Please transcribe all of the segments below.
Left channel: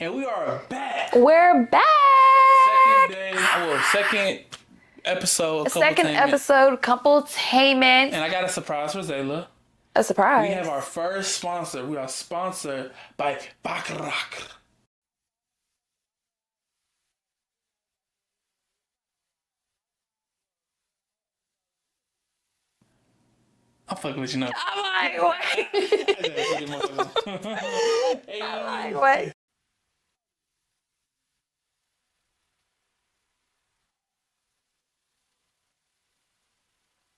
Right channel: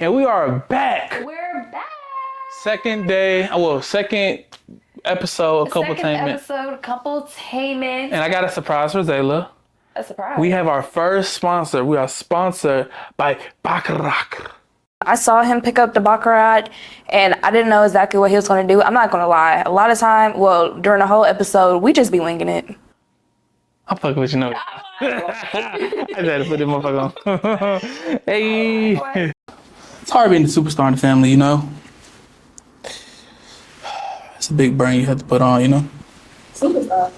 And we are back. We're back. Second episode of Second Coupletainment. episode, Coupletainment. And I got a surprise for Zayla. A surprise. We have our first sponsor. We are sponsored by Baccarat. I saw him pick up the Baccarat, and I didn't know exactly what he was going to do. I'm not going to lie. A lot of time, during the whole episode, we just be winging it. I'm fucking with you now. I had to put this motherfucker on. Hey. What? It's hard being the superstar in the family, you know? It's a big brain you have to put on, you know? Superstar.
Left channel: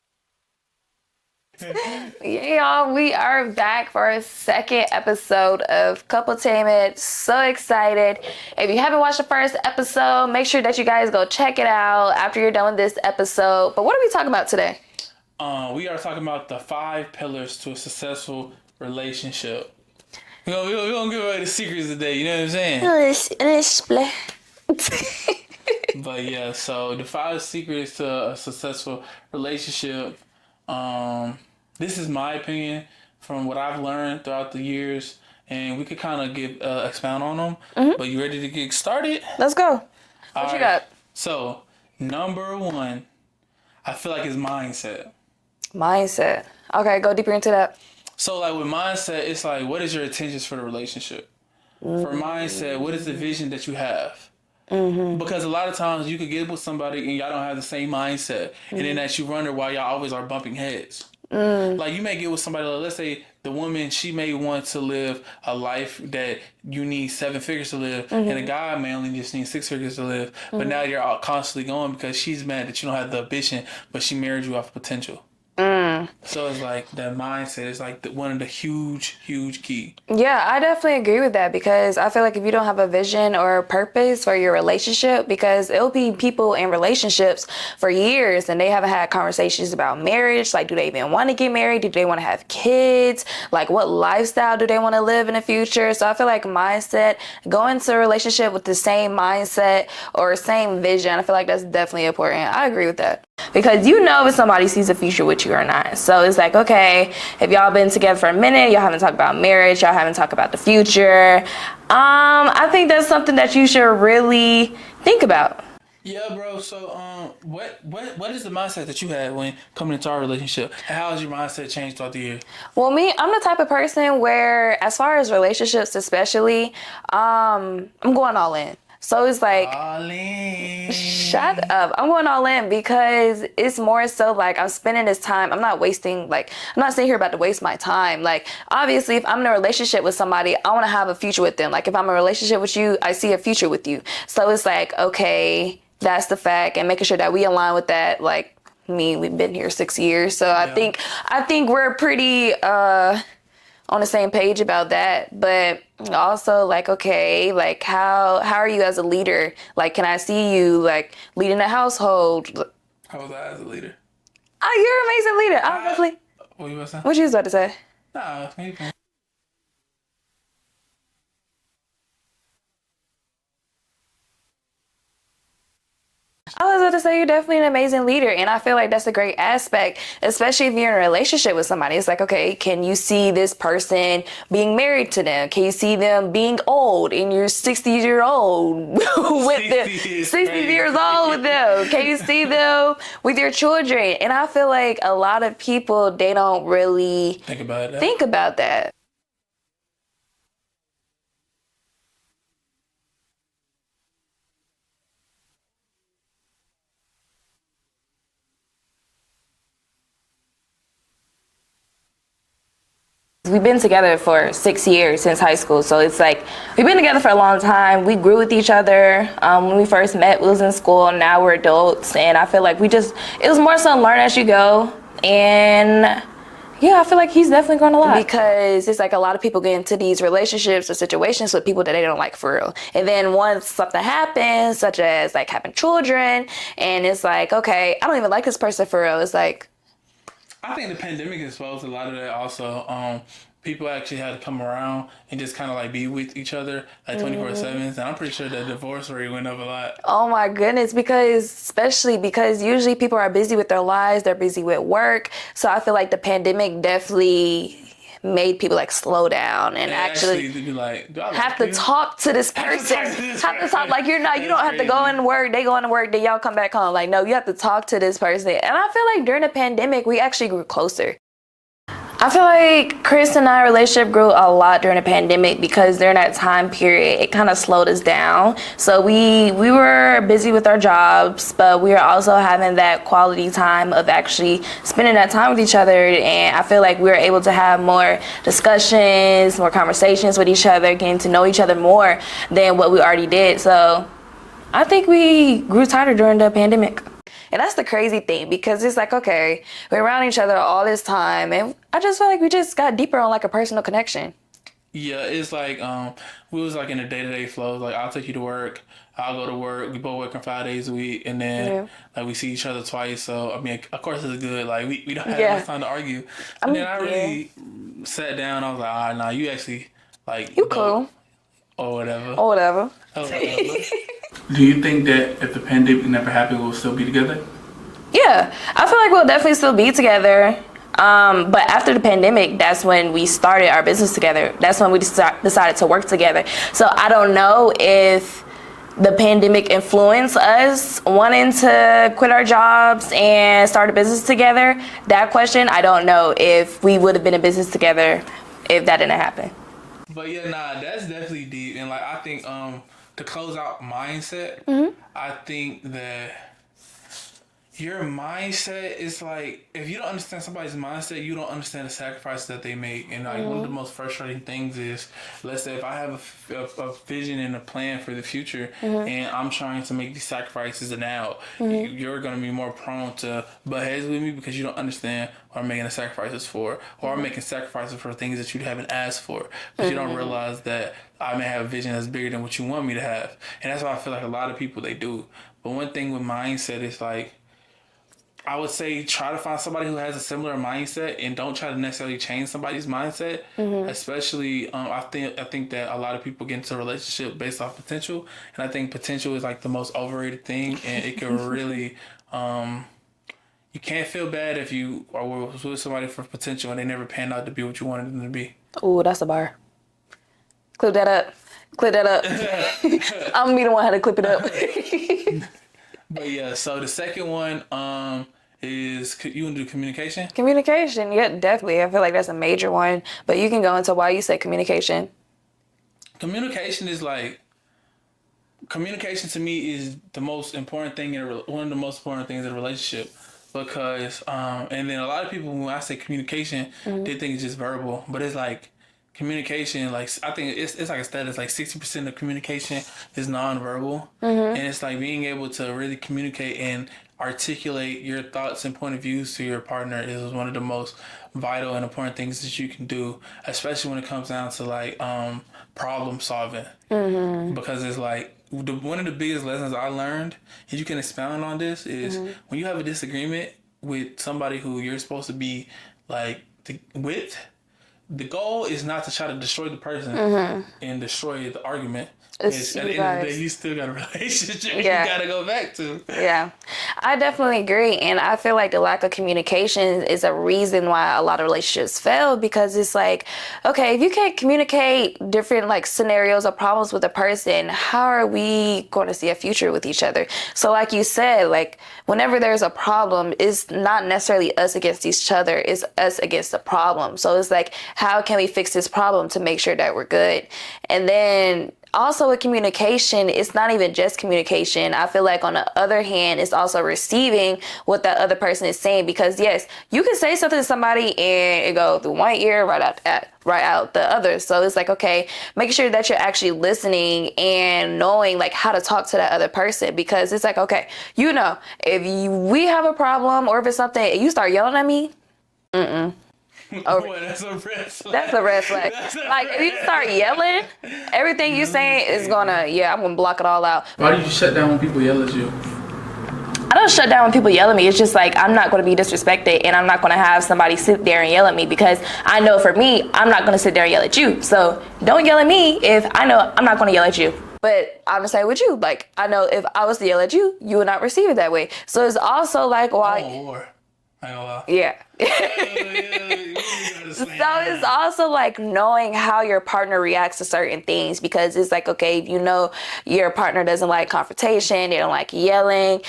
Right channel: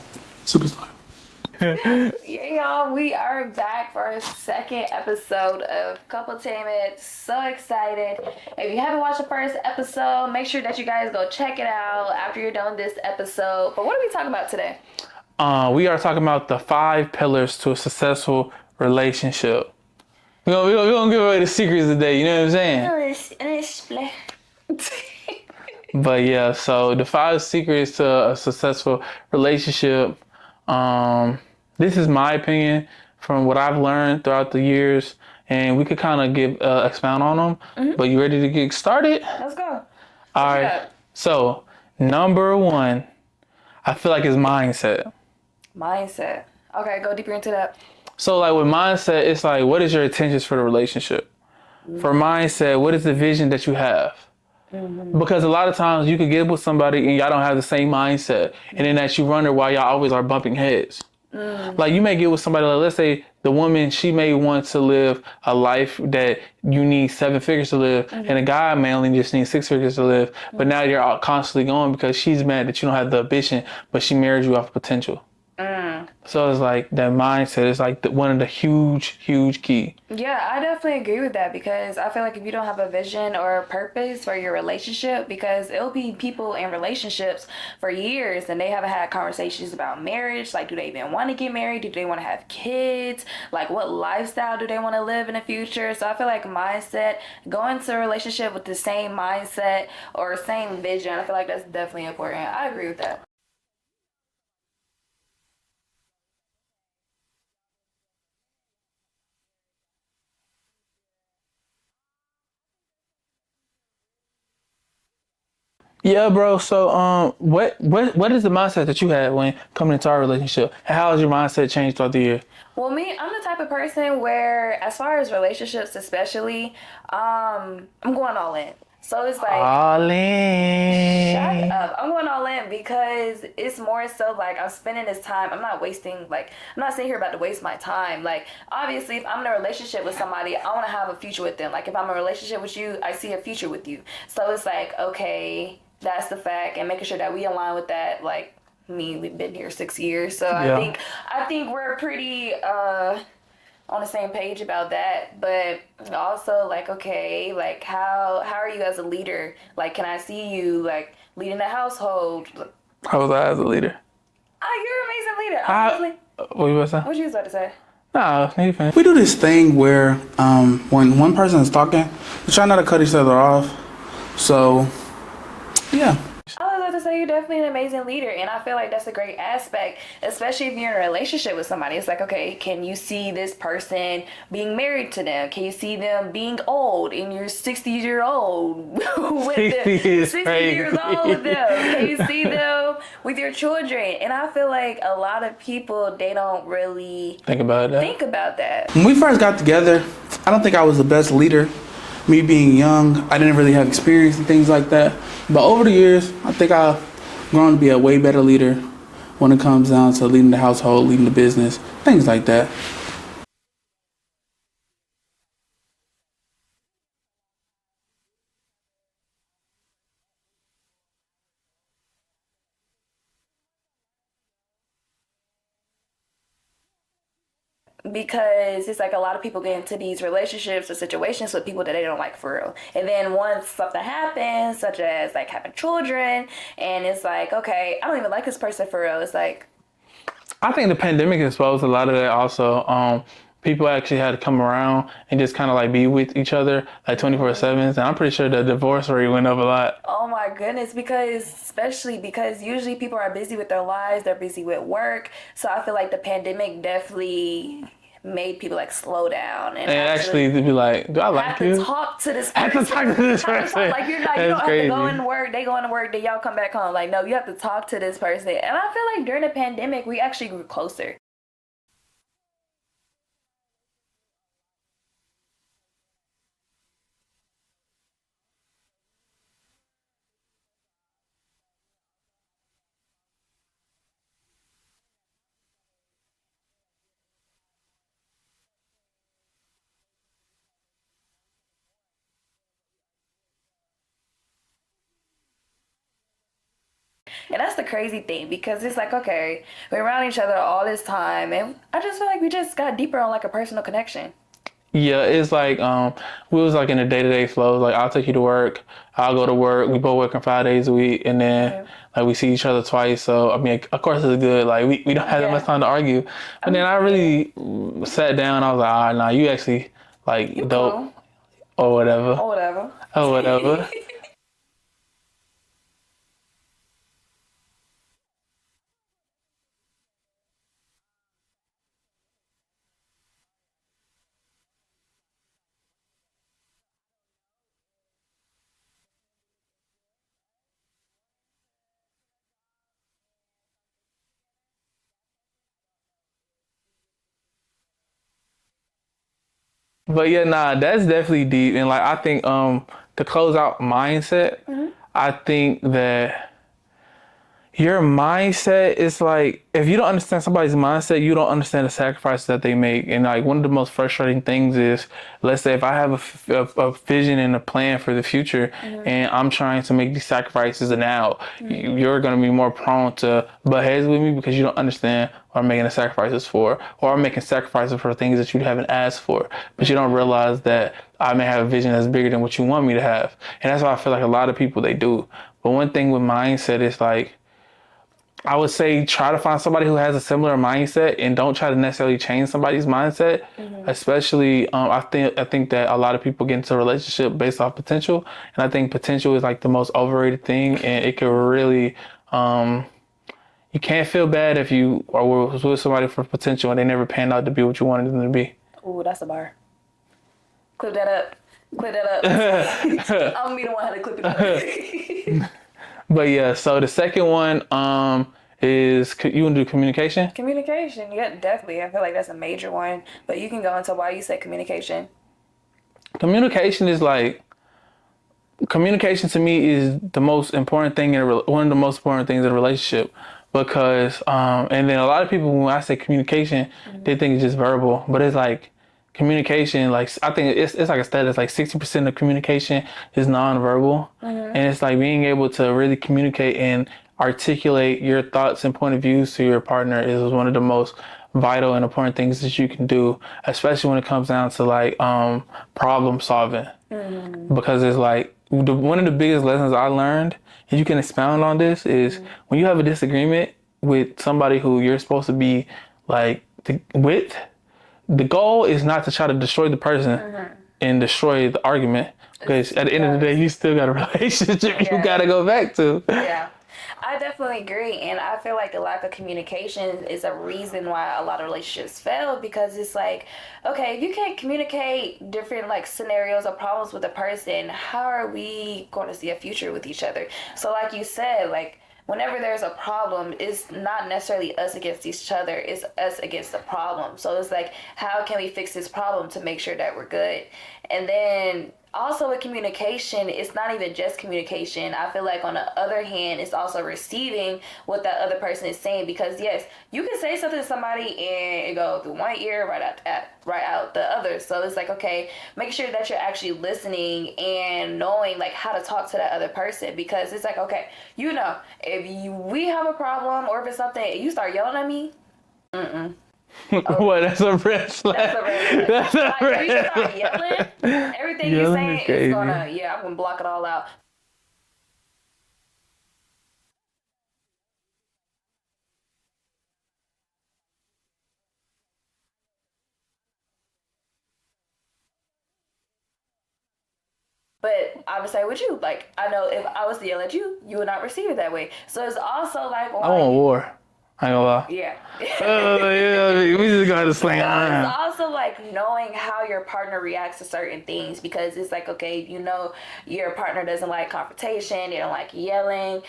Yeah, y'all, we are back for our second episode of Coupletainment. So excited. If you haven't watched the first episode, make sure that you guys go check it out after you're done with this episode. But what are we talking about today? We are talking about the 5 pillars to a successful relationship. We're gonna give away the secrets today, you know what I'm saying? But yeah, so the 5 secrets to a successful relationship. This is my opinion from what I've learned throughout the years, and we could kind of expound on them. Mm-hmm. But you ready to get started? Let's go. All right. So number 1, I feel like is mindset. Mindset. Okay, go deeper into that. So like with mindset, it's like, what is your intentions for the relationship? Mm-hmm. For mindset, what is the vision that you have? Mm-hmm. Because a lot of times you could get with somebody and y'all don't have the same mindset. Mm-hmm. And then that you wonder why y'all always are bumping heads. Mm. Like you may get with somebody, like, let's say the woman, she may want to live a life that you need 7 figures to live. Mm-hmm. And the guy may only just need 6 figures to live. Mm-hmm. But now you're constantly going because she's mad that you don't have the ambition, but she married you off potential. So it's like that mindset is like one of the huge key. Yeah, I definitely agree with that because I feel like if you don't have a vision or a purpose for your relationship, because it'll be people in relationships for years and they haven't had conversations about marriage. Like, do they even want to get married? Do they want to have kids? Like, what lifestyle do they want to live in the future? So I feel like mindset, going into a relationship with the same mindset or same vision, I feel like that's definitely important. I agree with that. Because you know if somebody sees a future with you or not. So it's like, okay, if y'all been together for a minute, y'all haven't talked about marriage, y'all haven't talked about the future. I think that's something that you should really think about. Yeah, bro. So, what is the mindset that you had when coming into our relationship? How has your mindset changed throughout the year? Well, me, I'm the type of person where, as far as relationships especially, I'm going all in. So it's like, all in. Shut up. I'm going all in because it's more so like I'm spending this time. I'm not wasting, like, I'm not sitting here about to waste my time. Like, obviously, if I'm in a relationship with somebody, I want to have a future with them. Like, if I'm in a relationship with you, I see a future with you. So it's like, okay, that's the fact, and making sure that we align with that. Like, we've been here 6 years. So yeah. I think we're pretty on the same page about that, but also like, okay, like how are you as a leader? Like, can I see you like leading a household? How was I as a leader? Oh, you're an amazing leader. Honestly. What you about to say? What you was about to say? No, we do this thing where when one person is talking, we try not to cut each other off. So, yeah. I was about to say you're definitely an amazing leader, and I feel like that's a great aspect, especially if you're in a relationship with somebody. It's like, okay, can you see this person being married to them? Can you see them being old and you're 60-year-old with them? 60 years old with them. Can you see them with your children? And I feel like a lot of people, they don't really think about that. When we first got together, I don't think I was the best leader. Me being young, I didn't really have experience and things like that. But over the years, I think I've grown to be a way better leader when it comes down to leading the household, leading the business, things like that. We've been together for 6 years since high school, so it's like we've been together for a long time. We grew with each other. When we first met, we was in school, now we're adults, and I feel like it was more so learn as you go, and yeah, I feel like he's definitely grown a lot. Because it's like a lot of people get into these relationships or situations with people that they don't like for real. And then once something happens, such as like having children, and it's like, okay, I don't even like this person for real. It's like, I think the pandemic exposed a lot of that also. People actually had to come around and just kind of like be with each other like 24/7. And I'm pretty sure the divorce rate went up a lot. Oh my goodness, especially because usually people are busy with their lives, they're busy with work. So I feel like the pandemic definitely made people like slow down and actually to be like, do I like have to you? talk to this person. Have to talk to this person. Like you don't have crazy. to go into work. They go into work, then y'all come back home. Like no, you have to talk to this person. And I feel like during the pandemic, we actually grew closer. I feel like Chris and I relationship grew a lot during the pandemic because during that time period, it kind of slowed us down. So we were busy with our jobs, but we were also having that quality time of actually spending that time with each other. And I feel like we were able to have more discussions, more conversations with each other, getting to know each other more than what we already did. So I think we grew tighter during the pandemic. And that's the crazy thing because it's like, okay, we're around each other all this time and I just feel like we just got deeper on like a personal connection. Yeah, it's like we was like in a day-to-day flow. Like I'll take you to work, I'll go to work. We both working 5 days a week, and then like we see each other twice. So I mean, of course it's good. Like we don't have that much time to argue. But then I really sat down. I was like, nah, you actually like you dope cool. or whatever. Or whatever. Or whatever. Do you think that if the pandemic never happened, we'll still be together? Yeah, I feel like we'll definitely still be together. But after the pandemic, that's when we started our business together. That's when we decided to work together. So I don't know if the pandemic influenced us wanting to quit our jobs and start a business together. That question, I don't know if we would have been in business together if that didn't happen. But yeah, nah, that's definitely deep. And like I think to close out mindset, I think that your mindset is like, if you don't understand somebody's mindset, you don't understand the sacrifices that they make. And like one of the most frustrating things is, let's say if I have a vision and a plan for the future and I'm trying to make these sacrifices now, you're going to be more prone to butt heads with me because you don't understand what I'm making the sacrifices for, or I'm making sacrifices for things that you haven't asked for, but you don't realize that I may have a vision that's bigger than what you want me to have. And that's why I feel like a lot of people, they do. But one thing with mindset is like, I would say try to find somebody who has a similar mindset and don't try to necessarily change somebody's mindset. Especially, I think that a lot of people get into a relationship based off potential, and I think potential is like the most overrated thing, and it could really, you can't feel bad if you are with somebody for potential and they never panned out to be what you wanted them to be. Ooh, that's a bar. Clip that up. Clip that up. I'm gonna be the one who had to clip it up. But yeah, so the second one is, you want to do communication? Communication, yeah, definitely. I feel like that's a major one. But you can go into why you say communication. Communication is like, communication to me is the most important thing one of the most important things in a relationship, because and then a lot of people, when I say communication, they think it's just verbal, but it's like communication, like I think it's like a stat, it's like 60% of communication is nonverbal, and it's like being able to really communicate and articulate your thoughts and point of views to your partner is one of the most vital and important things that you can do, especially when it comes down to like problem solving, because it's like one of the biggest lessons I learned, and you can expound on this, is when you have a disagreement with somebody who you're supposed to be like with, the goal is not to try to destroy the person and destroy the argument. Because at the end of the day, you still got a relationship you gotta go back to. Yeah, I definitely agree. And I feel like the lack of communication is a reason why a lot of relationships fail, because it's like, okay, if you can't communicate different like scenarios or problems with a person, how are we going to see a future with each other? So like you said, like whenever there's a problem, it's not necessarily us against each other, it's us against the problem. So it's like, how can we fix this problem to make sure that we're good? And then also with communication, it's not even just communication. I feel like on the other hand, it's also receiving what that other person is saying, because yes, you can say something to somebody and it go through one ear right out the other. So it's like, okay, making sure that you're actually listening and knowing like how to talk to that other person, because it's like, okay, you know, if we have a problem or if it's something and you start yelling at me, What? That's a red flag. That's a red flag. Like if you start yelling, everything you're saying is gonna, I'm gonna block it all out. Why do you shut down when people yell at you? I don't shut down when people yell at me. It's just like, I'm not gonna be disrespected, and I'm not gonna have somebody sit there and yell at me, because I know for me, I'm not gonna sit there and yell at you. So don't yell at me if I know I'm not gonna yell at you. But I'm gonna say with you, like I know if I was to yell at you, you would not receive it that way. So it's also like, I want war. I ain't gonna lie. Yeah. Yeah, we just gotta slam So it's around. also like knowing how your partner reacts to certain things, because it's like, okay, if you know your partner doesn't like confrontation, they don't like yelling.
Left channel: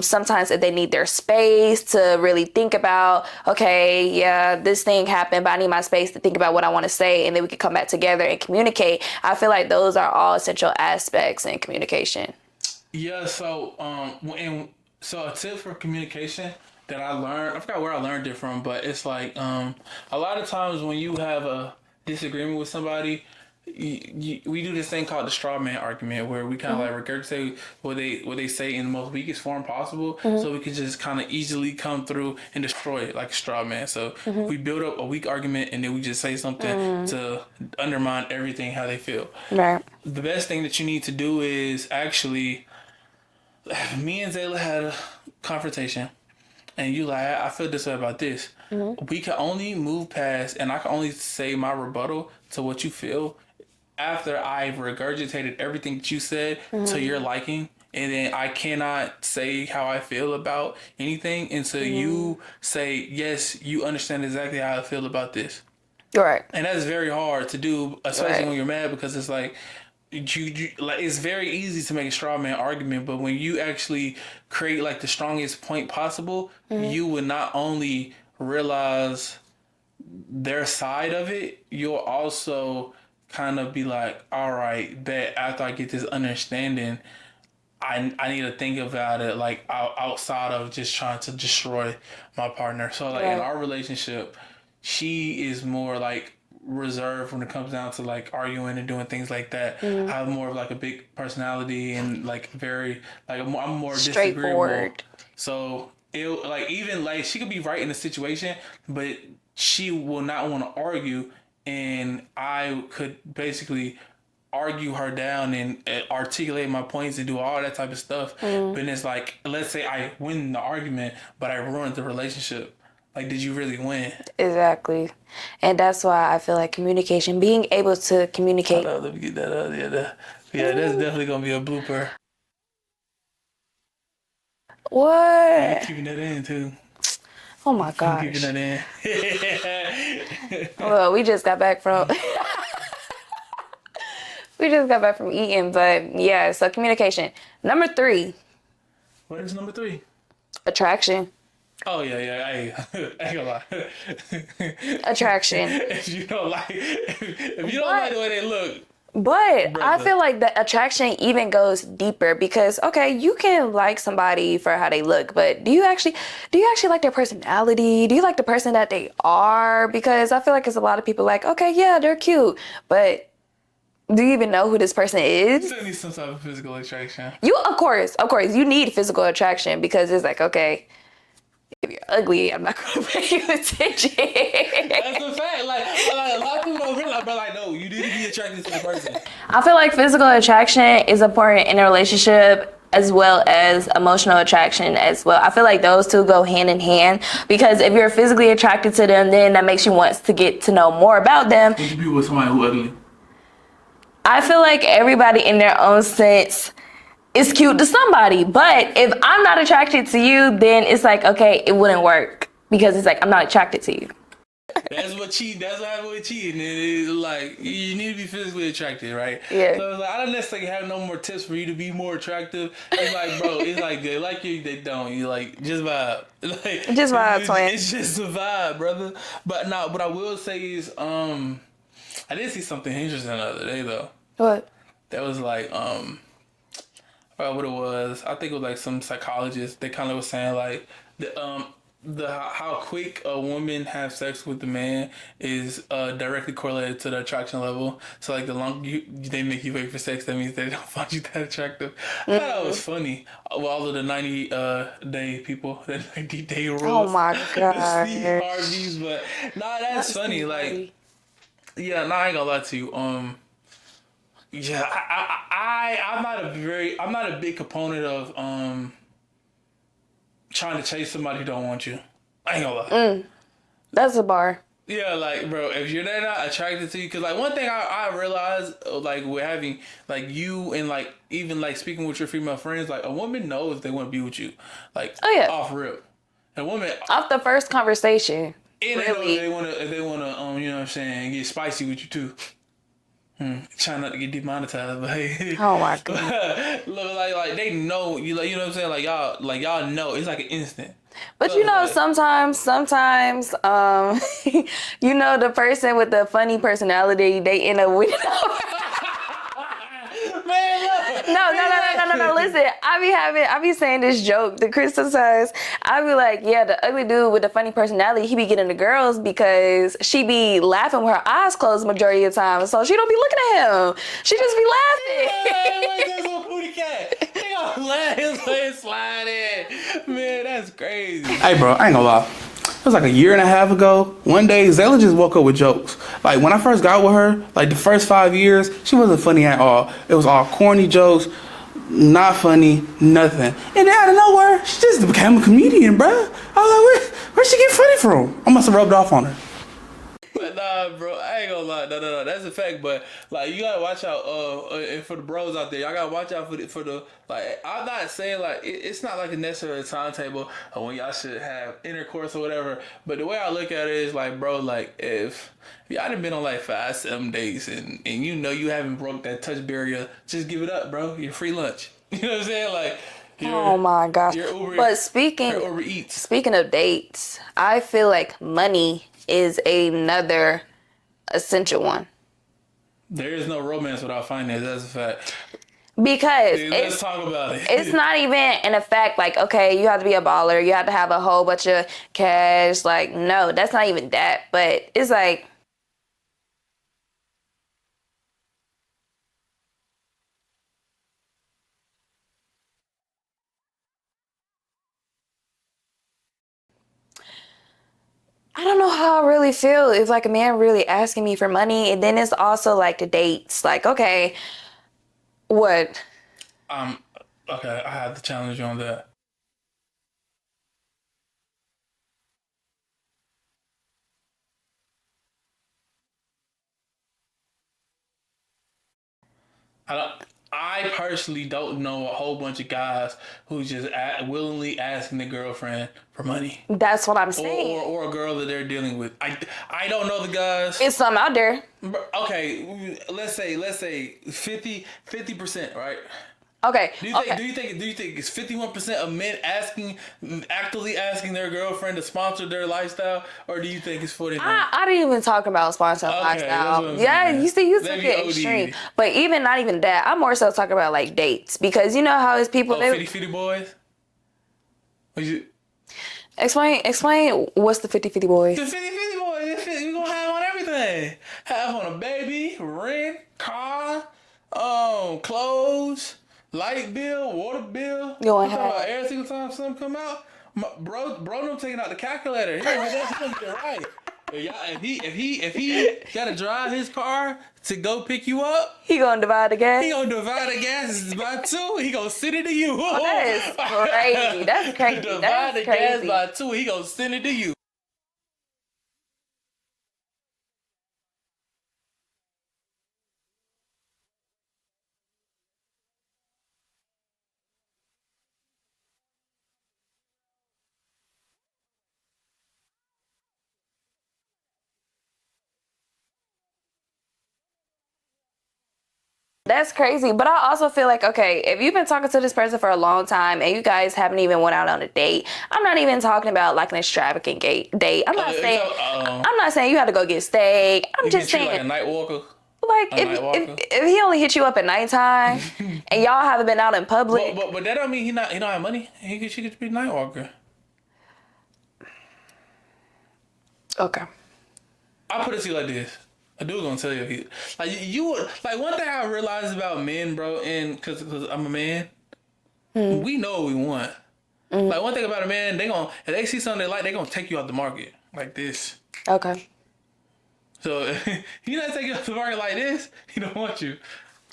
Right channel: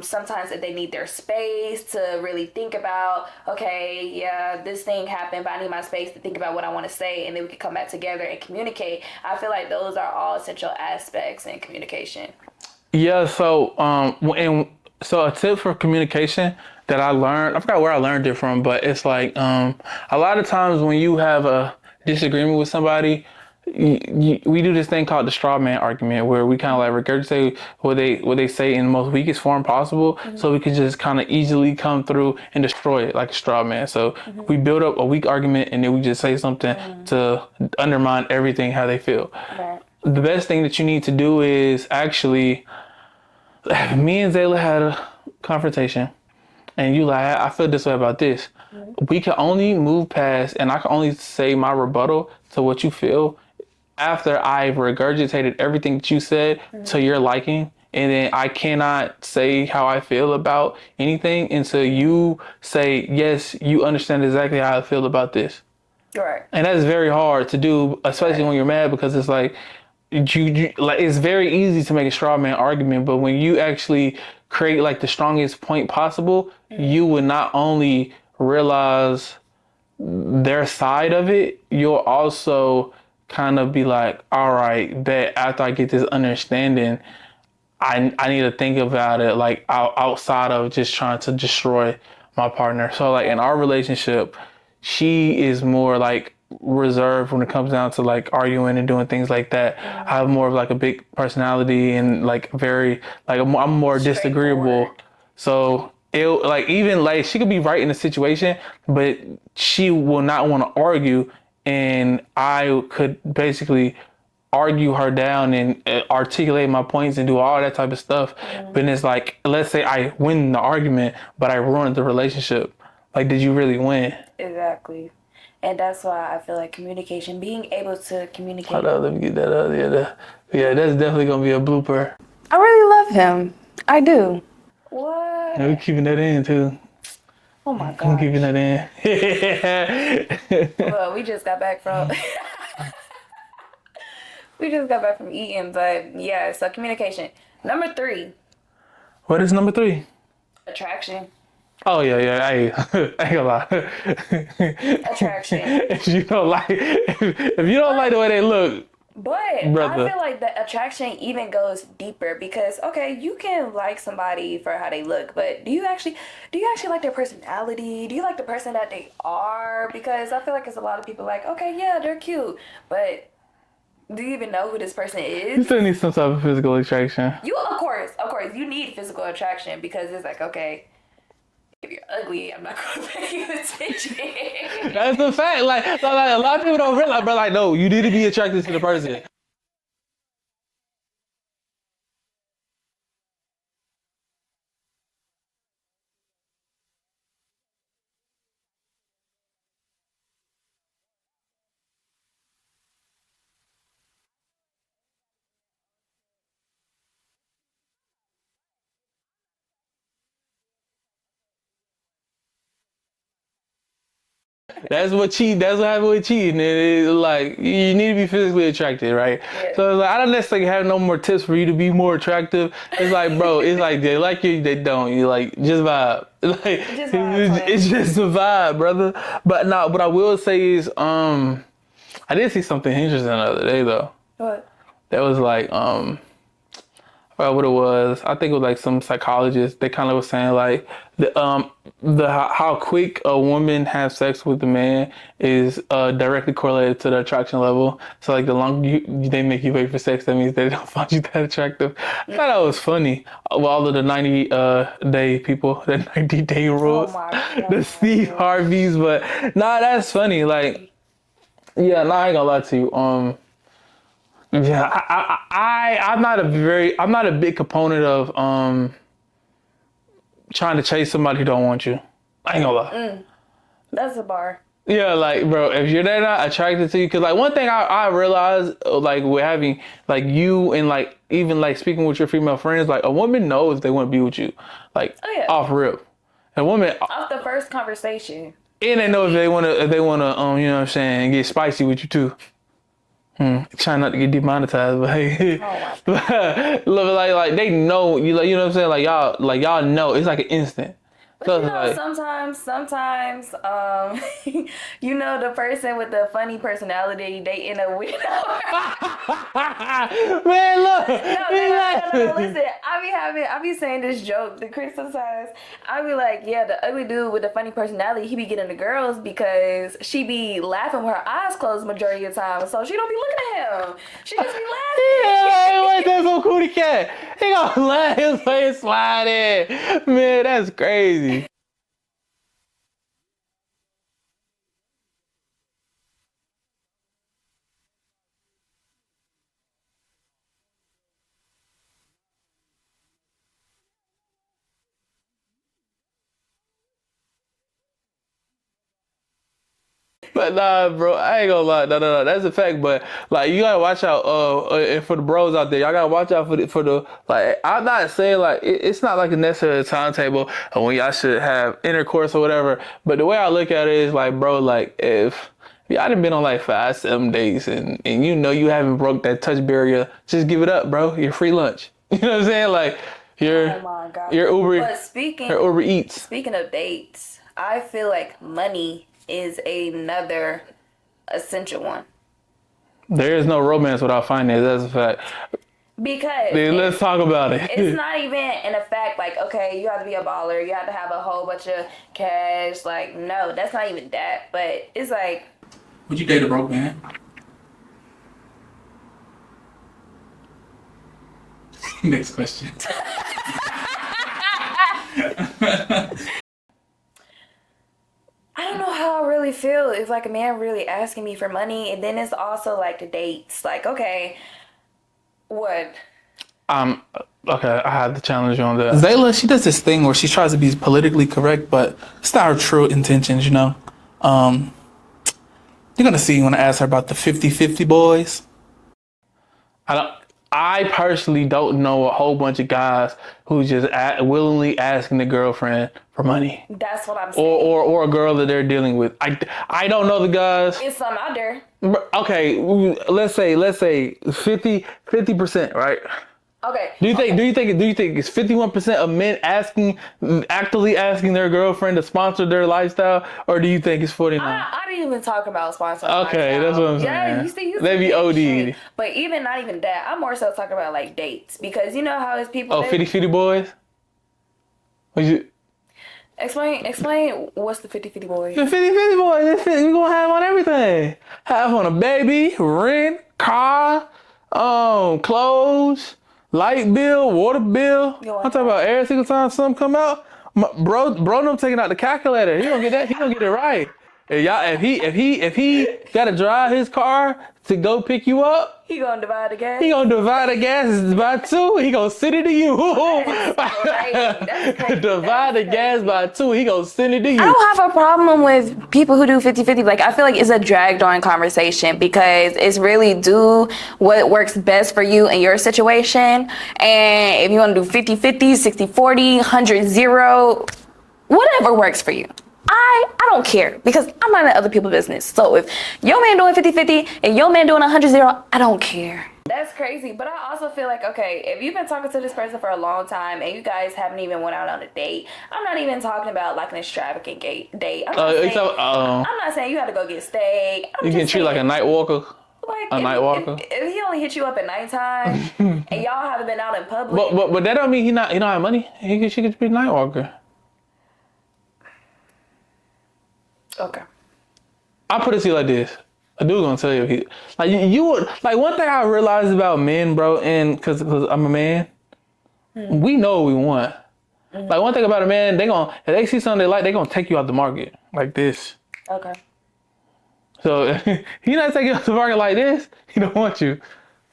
Sometimes if they need their space to really think about, okay, yeah, this thing happened, but I need my space to think about what I want to say, and then we can come back together and communicate. I feel like those are all essential aspects in communication. Yeah, so a tip for communication that I learned, I forgot where I learned it from, but it's like a lot of times when you have a disagreement with somebody, we do this thing called the straw man argument, where we kind of like regurgitate what they say in the most weakest form possible, so we can just kind of easily come through and destroy it like a straw man. So we build up a weak argument and then we just say something to undermine everything how they feel. Right. The best thing that you need to do is actually, me and Zayla had a confrontation, and you like, I feel this way about this. We can only move past, and I can only say my rebuttal to what you feel after I've regurgitated everything that you said to your liking, and then I cannot say how I feel about anything until you say, yes, you understand exactly how I feel about this. Right. And that's very hard to do, especially when you're mad, because it's like, you like, it's very easy to make a straw man argument, but when you actually create like the strongest point possible, you would not only realize their side of it, you'll also kind of be like, all right, bet after I get this understanding, I need to think about it like outside of just trying to destroy my partner. So like in our relationship, she is more like reserved when it comes down to like arguing and doing things like that. I have more of like a big personality and like very like I'm more disagreeable. Straightforward. So it like, even like, she could be right in the situation, but she will not want to argue, and I could basically argue her down and articulate my points and do all that type of stuff. But it's like, let's say I win the argument, but I ruined the relationship. Like, did you really win? Exactly. And that's why I feel like communication, being able to communicate. Hold on, let me get that up. Yeah, that's definitely gonna be a blooper. I really love him. I do. What? I'm keeping that in too. Oh my I'm keeping gosh. that in. Well, we just got back from eating, but yeah, so communication. Number 3, What is number 3? attraction. Oh yeah, I ain't gonna lie. Attraction. if you don't like the way they look, But brother. I feel like the attraction even goes deeper, because okay, you can like somebody for how they look, but do you actually like their personality? Do you like the person that they are? Because I feel like there's a lot of people like, okay, yeah, they're cute, but do you even know who this person you is? still need some type of physical attraction. Of course, you need physical attraction, because it's like, okay, if you're ugly, I'm not gonna pay you attention. That's the fact. Like a lot of people don't realize, but like, no, you need to be attracted to the person. I feel like physical attraction is important in a relationship, as well as emotional attraction as well. I feel like those two go hand in hand, because if you're physically attracted to them, then that makes you want to get to know more about them. What you be with somebody who ugly? I feel like everybody in their own sense is cute to somebody, but if I'm not attracted to you, then it's like, okay, it wouldn't work, because it's like, I'm not attracted to you. That's what happened with cheating. It's like, you need to be physically attracted, right? Yeah. So it's like, I don't necessarily have no more tips for you to be more attractive. It's like, bro, it's like they like you, they don't. You like, just vibe. Like, Just vibe, twin. It's just a vibe, brother. But no, what I will say is, I did see something interesting the other day though. What? That was like, I forgot what it was. I think it was like some psychologist. They kind of was saying like how quick a woman has sex with a man is directly correlated to the attraction level. So like the longer they make you wait for sex, that means they don't find you that attractive. I thought that was funny. All of the 90-day people, the 90-day rules. Oh my The Steve gosh. Harveys, but nah, that's funny. Like, yeah, nah, I ain't gonna lie to you. Yeah, I'm not a big component of trying to chase somebody who don't want you. I ain't gonna lie. That's a bar. Yeah, like, bro, if you're not attracted to you, because like one thing I realized, like with having like you and like even like speaking with your female friends, like a woman knows they want to be with you, like Oh, yeah. off rip. A woman, Off the first conversation. and they know if they wanna, you know what I'm saying, get spicy with you too. Trying not to get demonetized, but hey. Oh my God. like they know you, like, you know what I'm saying, like y'all know it's like an instant. But So you know, like, sometimes, you know, the person with the funny personality, they end up with. man, look. No. Listen, I be saying this joke to Crystal says, I be like, yeah, the ugly dude with the funny personality, he be getting the girls because she be laughing with her eyes closed majority of the time, so she don't be looking at him. She just be laughing. Yeah, like that's some cootie cat. He gonna laugh his way sliding. Man, that's crazy. Hey, bro, I ain't gonna lie. It was like a year and a half ago. One day, Zayla just woke up with jokes. Like, when I first got with her, like, the first 5 years, she wasn't funny at all. It was all corny jokes, not funny, nothing. And then out of nowhere, she just became a comedian, bro. I was like, where'd she get funny from? I must have rubbed off on her. But nah, bro, I ain't gonna lie. No, that's a fact. But like, you gotta watch out. And for the bros out there, y'all gotta watch out for the. Like, I'm not saying like it's not like a necessary timetable of when y'all should have intercourse or whatever. But the way I look at it is like, bro, like if y'all done been on like 5-7 days and you know you haven't broke that touch barrier, just give it up, bro. You're free lunch. You know what I'm saying? Like, Oh my gosh. Your Uber. But speaking Eats. Speaking of dates, I feel like money is another essential one. There is no romance without finance. That's a fact. Because let's talk about it. It's not even in a fact like, okay, you have to be a baller, you have to have a whole bunch of cash. Like, no, that's not even that. But it's like, would you date a broke man? Next question. I don't know how I really feel if like a man really asking me for money, and then it's also like the dates. Like, okay, what? Okay, I have to challenge you on that. Zayla, she does this thing where she tries to be politically correct, but it's not her true intentions, you know? You're gonna see when I ask her about the 50-50 boys. I personally don't know a whole bunch of guys who just willingly asking the girlfriend for money. That's what I'm saying. Or a girl that they're dealing with. I don't know the guys. It's some out there. Okay, let's say 50%, right? Okay. Do you think it's 51% of men actively asking their girlfriend to sponsor their lifestyle, or do you think it's 49? I didn't even talk about sponsoring lifestyle. Okay, that's what I'm saying. Yeah, you see, Maybe extreme. But even not even that. I'm more so talking about like dates, because you know how it's people. Oh, 50-50 boys. Would you explain? What's the 50-50 boys? The 50-50 boys. You gonna have on everything. Have on a baby, rent, car, clothes. Light bill, water bill. I'm talking about every single time something come out. Bro, no taking out the calculator. He gonna get that. He gonna get it right. If he gotta drive his car to go pick you up, he gonna divide the gas. He gonna divide the gas by 2. He gonna send it to you. That's crazy. Divide the gas by 2. He gonna send it to you. I don't have a problem with people who do 50-50. Like, I feel like it's a dragged on conversation because it's really do what works best for you in your situation. And if you want to do 50-50, 60-40, 100-0, whatever works for you. I don't care because I'm not in other people's business. So if your man doing 50-50 and your man doing 100-0, I don't care. That's crazy. But I also feel like, okay, if you've been talking to this person for a long time and you guys haven't even went out on a date, I'm not even talking about like an extravagant date. I'm not saying you have to go get steak. You can treat like a night walker. Like if he only hit you up at nighttime and y'all haven't been out in public. But that don't mean he don't have money. She could be a night walker. Okay. I'll put it to you like this. A dude gonna tell you if he like you like one thing I realized about men, bro, and cause I'm a man, we know what we want. Like one thing about a man, if they see something they like, they gonna take you out the market like this. Okay. So if he not taking you out the market like this, he don't want you.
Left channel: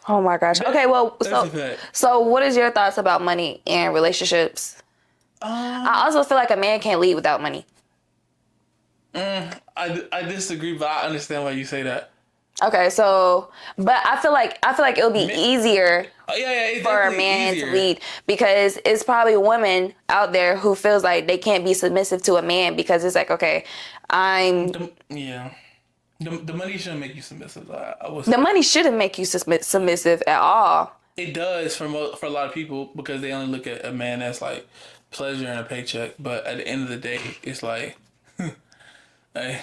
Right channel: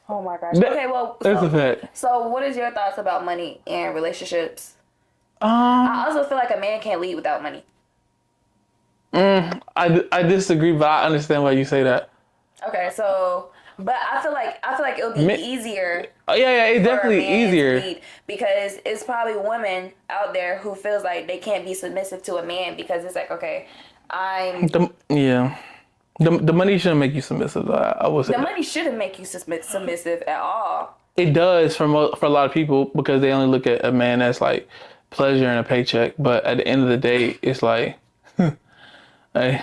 Oh my gosh. Okay, well, that's a fact. So what is your thoughts about money and relationships? I also feel like a man can't lead without money. I disagree, but I understand why you say that. Okay, so, but I feel like it would be easier Yeah, it's for a definitely man easier. to lead, because it's probably women out there who feels like they can't be submissive to a man because it's like, okay, Yeah. The money shouldn't make you submissive. I would say the that. money shouldn't make you submissive at all. It does for a lot of people because they only look at a man as like pleasure and a paycheck. But at the end of the day, it's like, hey,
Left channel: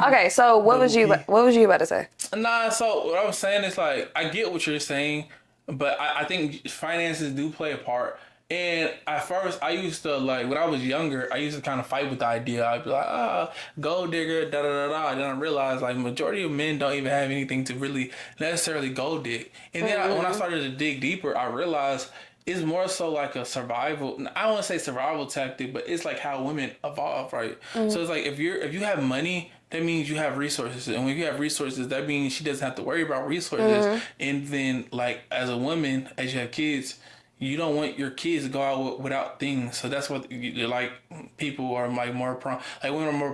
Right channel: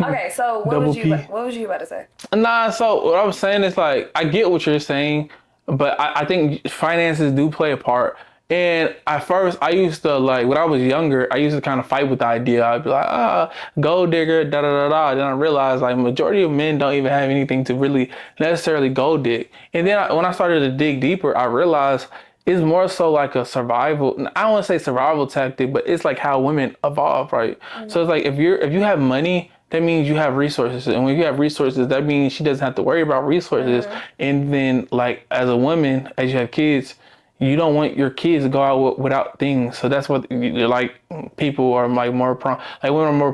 Okay, so double P. what was you about to say? Nah, so what I was saying is like I get what you're saying, but I think finances do play a part. And at first, I used to like when I was younger, I used to kind of fight with the idea. I'd be like, gold digger, da da da da. Then I realized like majority of men don't even have anything to really necessarily gold dig. And then when I started to dig deeper, I realized it's more so like a survival. I don't want to say survival tactic, but it's like how women evolve, right? So it's like if you have money, that means you have resources, and when you have resources, that means she doesn't have to worry about resources. And then like as a woman, as you have kids, you don't want your kids to go out without things. So that's what like people are like more prone, like women are more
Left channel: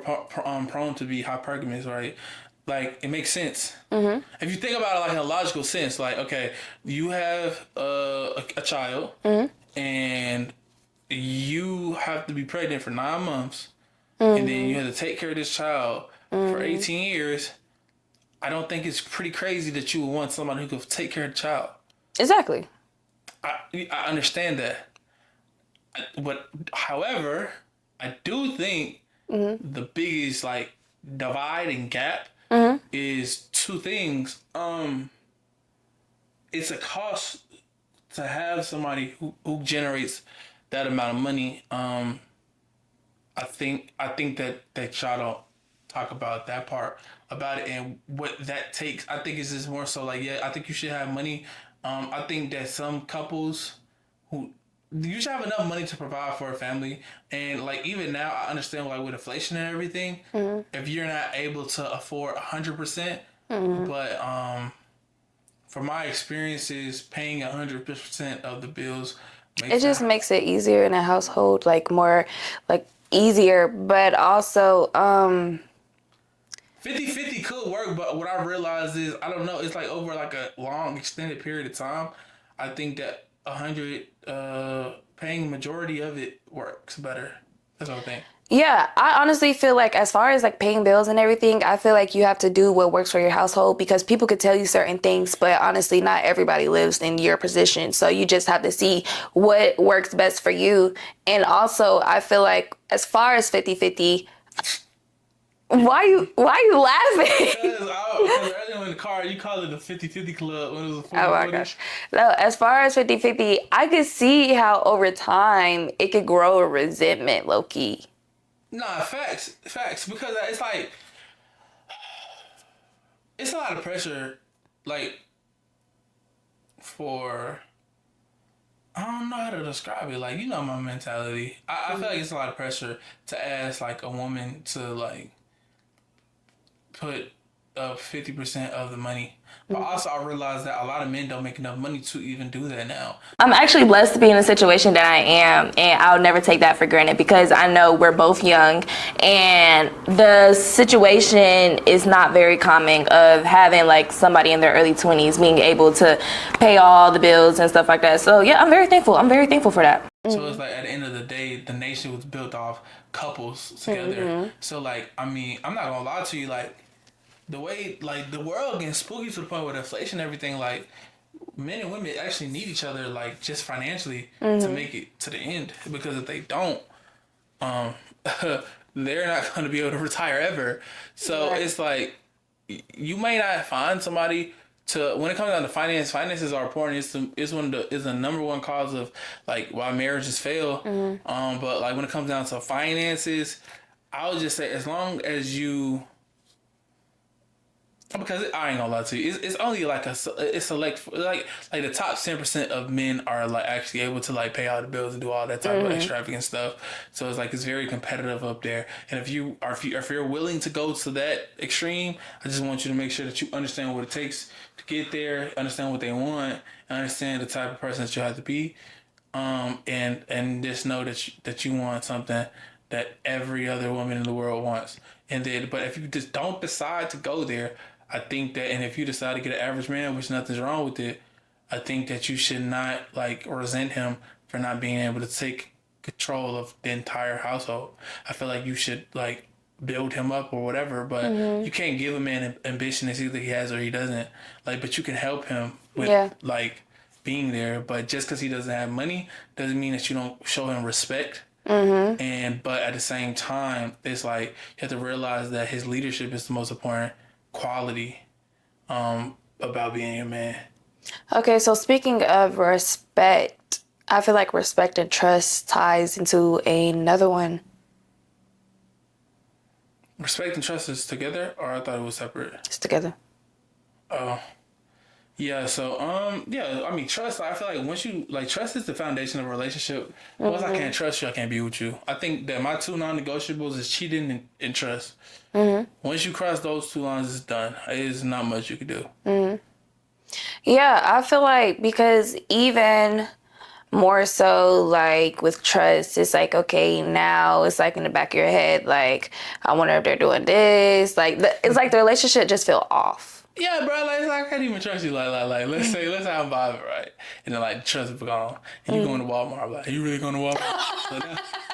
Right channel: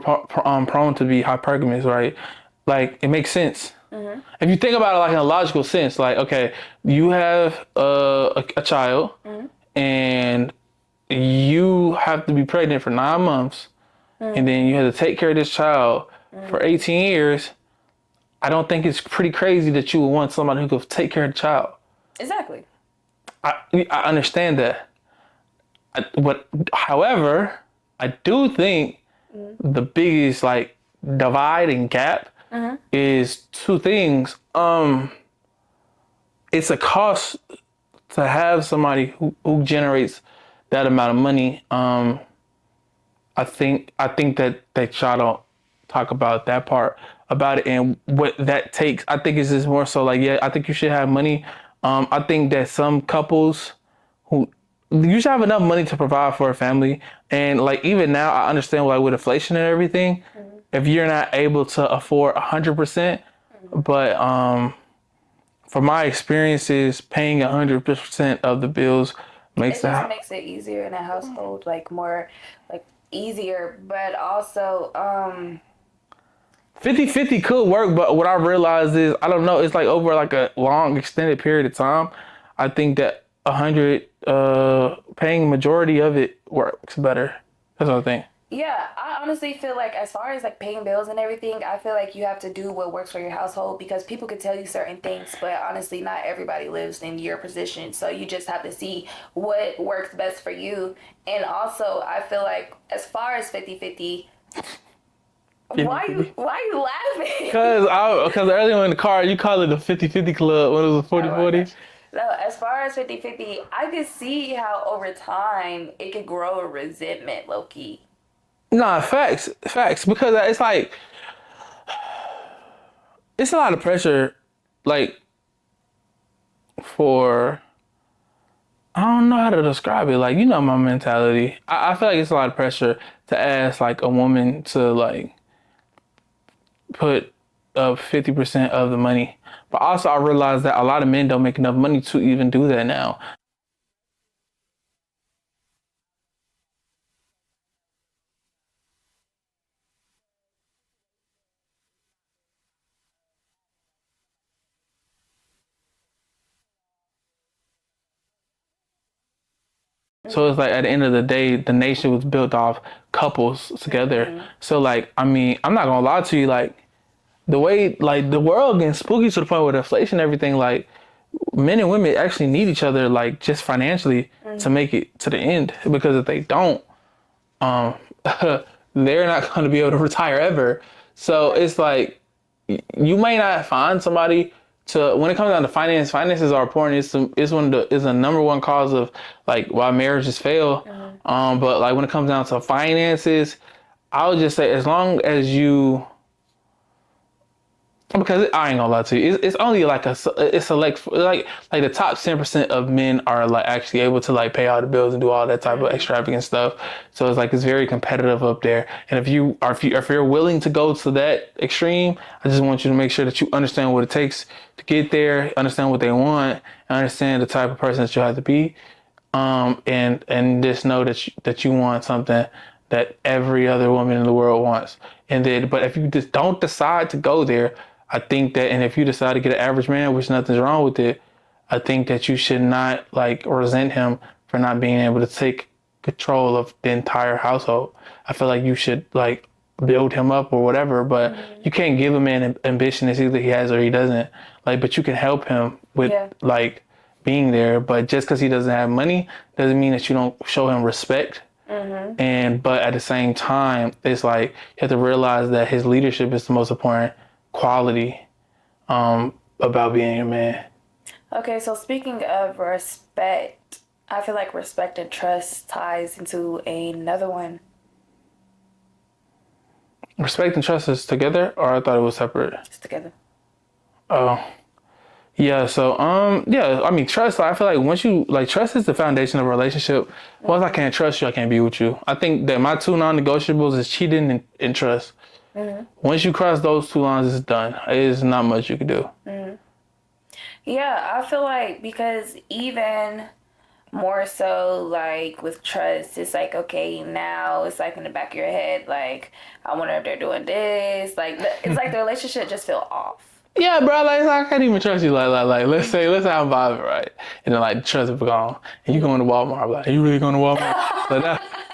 prone to be hypergamous, right? Like it makes sense. If you think about it like in a logical sense, like okay, you have a child, and you have to be pregnant for 9 months, and then you have to take care of this child for 18 years. I don't think it's pretty crazy that you would want somebody who could take care of the child. Exactly. I understand that. However, I do think the biggest like divide and gap is two things. It's a cost to have somebody who generates that amount of money. I think that y'all don't talk about that part about it and what that takes. I think it's just more so like, yeah, I think you should have money. I think that some couples who you should have enough money to provide for a family. And like even now I understand like with inflation and everything, if you're not able to afford 100%, but from my experiences, paying 100% of the bills makes It just makes it easier in a household, like more, like easier, but also 50-50 could work, but what I realized is I don't know. It's like over like a long extended period of time. I think that 100 paying majority of it works better. That's what I think. yeah, I honestly feel like as far as like paying bills and everything, I feel like you have to do what works for your household, because people could tell you certain things, but honestly, not everybody lives in your position. So you just have to see what works best for you. And also, I feel like as far as 50-50, why you laughing? Because earlier in the car you called it the 50-50 club when it was a 40-40. Oh my gosh. So as far as 50-50, I could see how over time it could grow a resentment, low key. Nah, facts. Because it's like it's a lot of pressure, like for I don't know how to describe it. Like you know my mentality. I feel like it's a lot of pressure to ask like a woman to like put up 50% of the money. But also I realize that a lot of men don't make enough money to even do that now. I'm actually blessed to be in the situation that I am, and I'll never take that for granted because I know we're both young, and the situation is not very common of having like somebody in their early 20s being able to pay all the bills and stuff like that. So yeah, I'm very thankful. I'm very thankful for that. So it's like at the end of the day, the nation was built off couples together. So like, I mean, I'm not gonna lie to you, like the way like the world getting spooky to the point with inflation and everything, like men and women actually need each other, like just financially to make it to the end. Because if they don't, they're not going to be able to retire ever. So it's like you may not find somebody to when it comes down to finances are important. It's the number one cause of like why marriages fail. But like when it comes down to finances, I would just say as long as you. Because I ain't gonna lie to you, it's only like it's like the top 10% of men are like actually able to like pay all the bills and do all that type of extravagant stuff. So it's like it's very competitive up there. And if you're willing to go to that extreme, I just want you to make sure that you understand what it takes to get there, understand what they want, and understand the type of person that you have to be, and just know that you want something that every other woman in the world wants. And then, but if you just don't decide to go there, I think that, and if you decide to get an average man, which nothing's wrong with it, I think that you should not like resent him for not being able to take control of the entire household. I feel like you should like build him up or whatever, but you can't give a man an ambition. It's either he has or he doesn't. Like, but you can help him with like being there. But just because he doesn't have money doesn't mean that you don't show him respect. And but at the same time, it's like you have to realize that his leadership is the most important quality about being a man. Okay, so speaking of respect, I feel like respect and trust ties into another one. Respect and trust is together, or I thought it was separate? It's together. Oh. Yeah, so yeah, I mean trust, I feel like once you like trust is the foundation of a relationship. Once I can't trust you, I can't be with you. I think that my two non-negotiables is cheating and trust. Once you cross those two lines, it's done. There's not much you can do. Yeah, I feel like because even more so like with trust, it's like, okay, now it's like in the back of your head, like, I wonder if they're doing this. Like, it's like the relationship just feel off. Yeah, bro, like I can't even trust you. Like let's say I'm vibing, right? And then like trust is gone. And you going to Walmart, I'm like, are you really going to Walmart?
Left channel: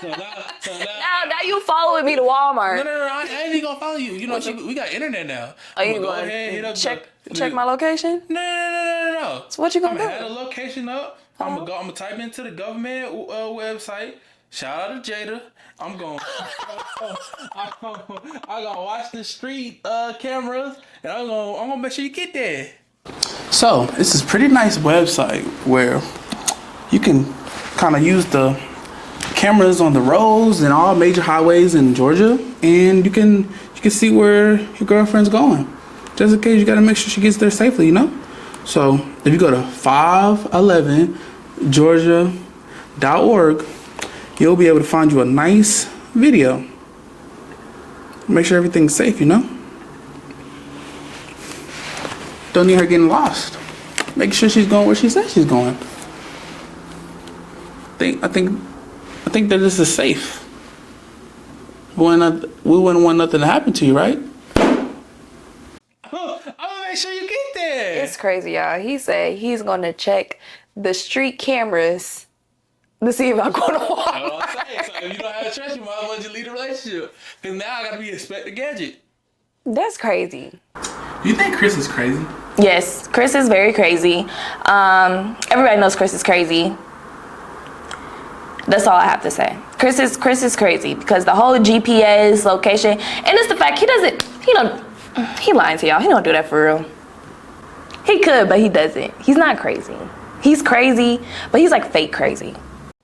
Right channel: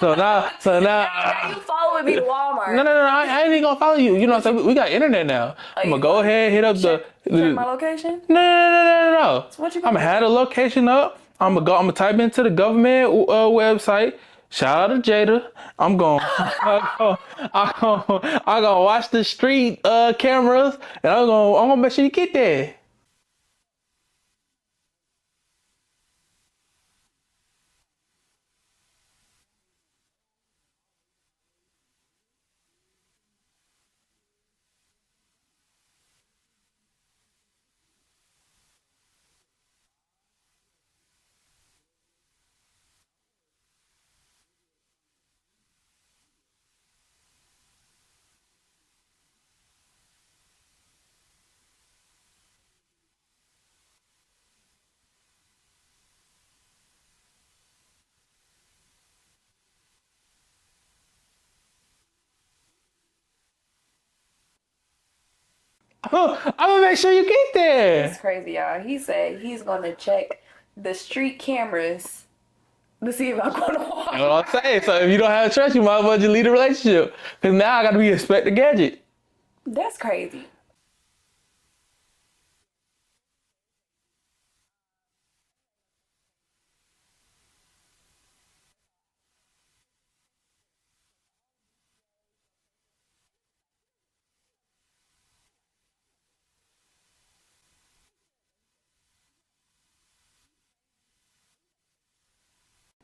so now Now you following me to Walmart. No, I ain't even gonna follow you. You know, so we got internet now. I'm gonna go ahead, hit up check my location? No. So what you gonna I'm do? gonna have the location up. I'm gonna type into the government website. Shout out to Jada. I'm gonna watch the street cameras, and I'm gonna make sure you get there. So this is a pretty nice website where you can kind of use the cameras on the roads and all major highways in Georgia, and you can see where your girlfriend's going. Just in case, you gotta make sure she gets there safely, you know? So if you go to 511georgia.org, you'll be able to find you a nice video. Make sure everything's safe, you know? Don't need her getting lost. Make sure she's going where she says she's going. I think that this is safe. We wouldn't want nothing to happen to you, right? Oh, I'm gonna make sure you get there. It's crazy, y'all. He said he's gonna check the street cameras to see if I'm going to Walmart. That's what I'm saying. So if you don't have trust, you might as well just leave the relationship. Because now I got to be Inspector Gadget. That's crazy. You think Chris is crazy? Yes, Chris is very crazy. Everybody knows Chris is crazy. That's all I have to say. Chris is crazy because the whole GPS location, and it's the fact he lying to y'all. He don't do that for real. He could, but he doesn't. He's not crazy. He's crazy, but he's like fake crazy.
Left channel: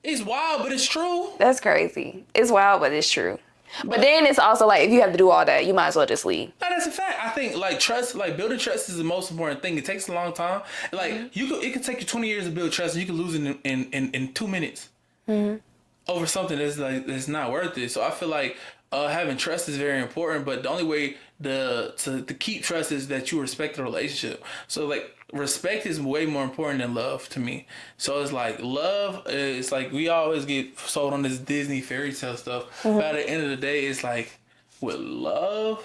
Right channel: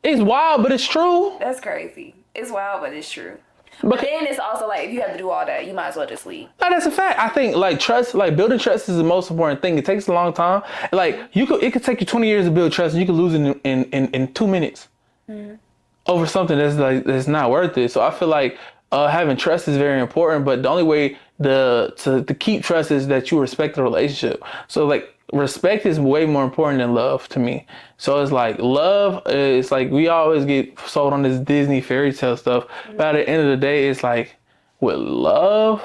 It's wild, but it's true. That's crazy. It's wild, but it's true. But then it's also like, if you have to do all that, you might as well just leave. No, that's a fact. I think like trust, like building trust is the most important thing. It takes a long time. Like it could take you 20 years to build trust, and you could lose it in 2 minutes over something that's not worth it. So I feel like having trust is very important. But the only way to keep trust is that you respect the relationship. So like respect is way more important than love to me. So it's like love is like we always get sold on this Disney fairy tale stuff. But at the end of the day, it's like with love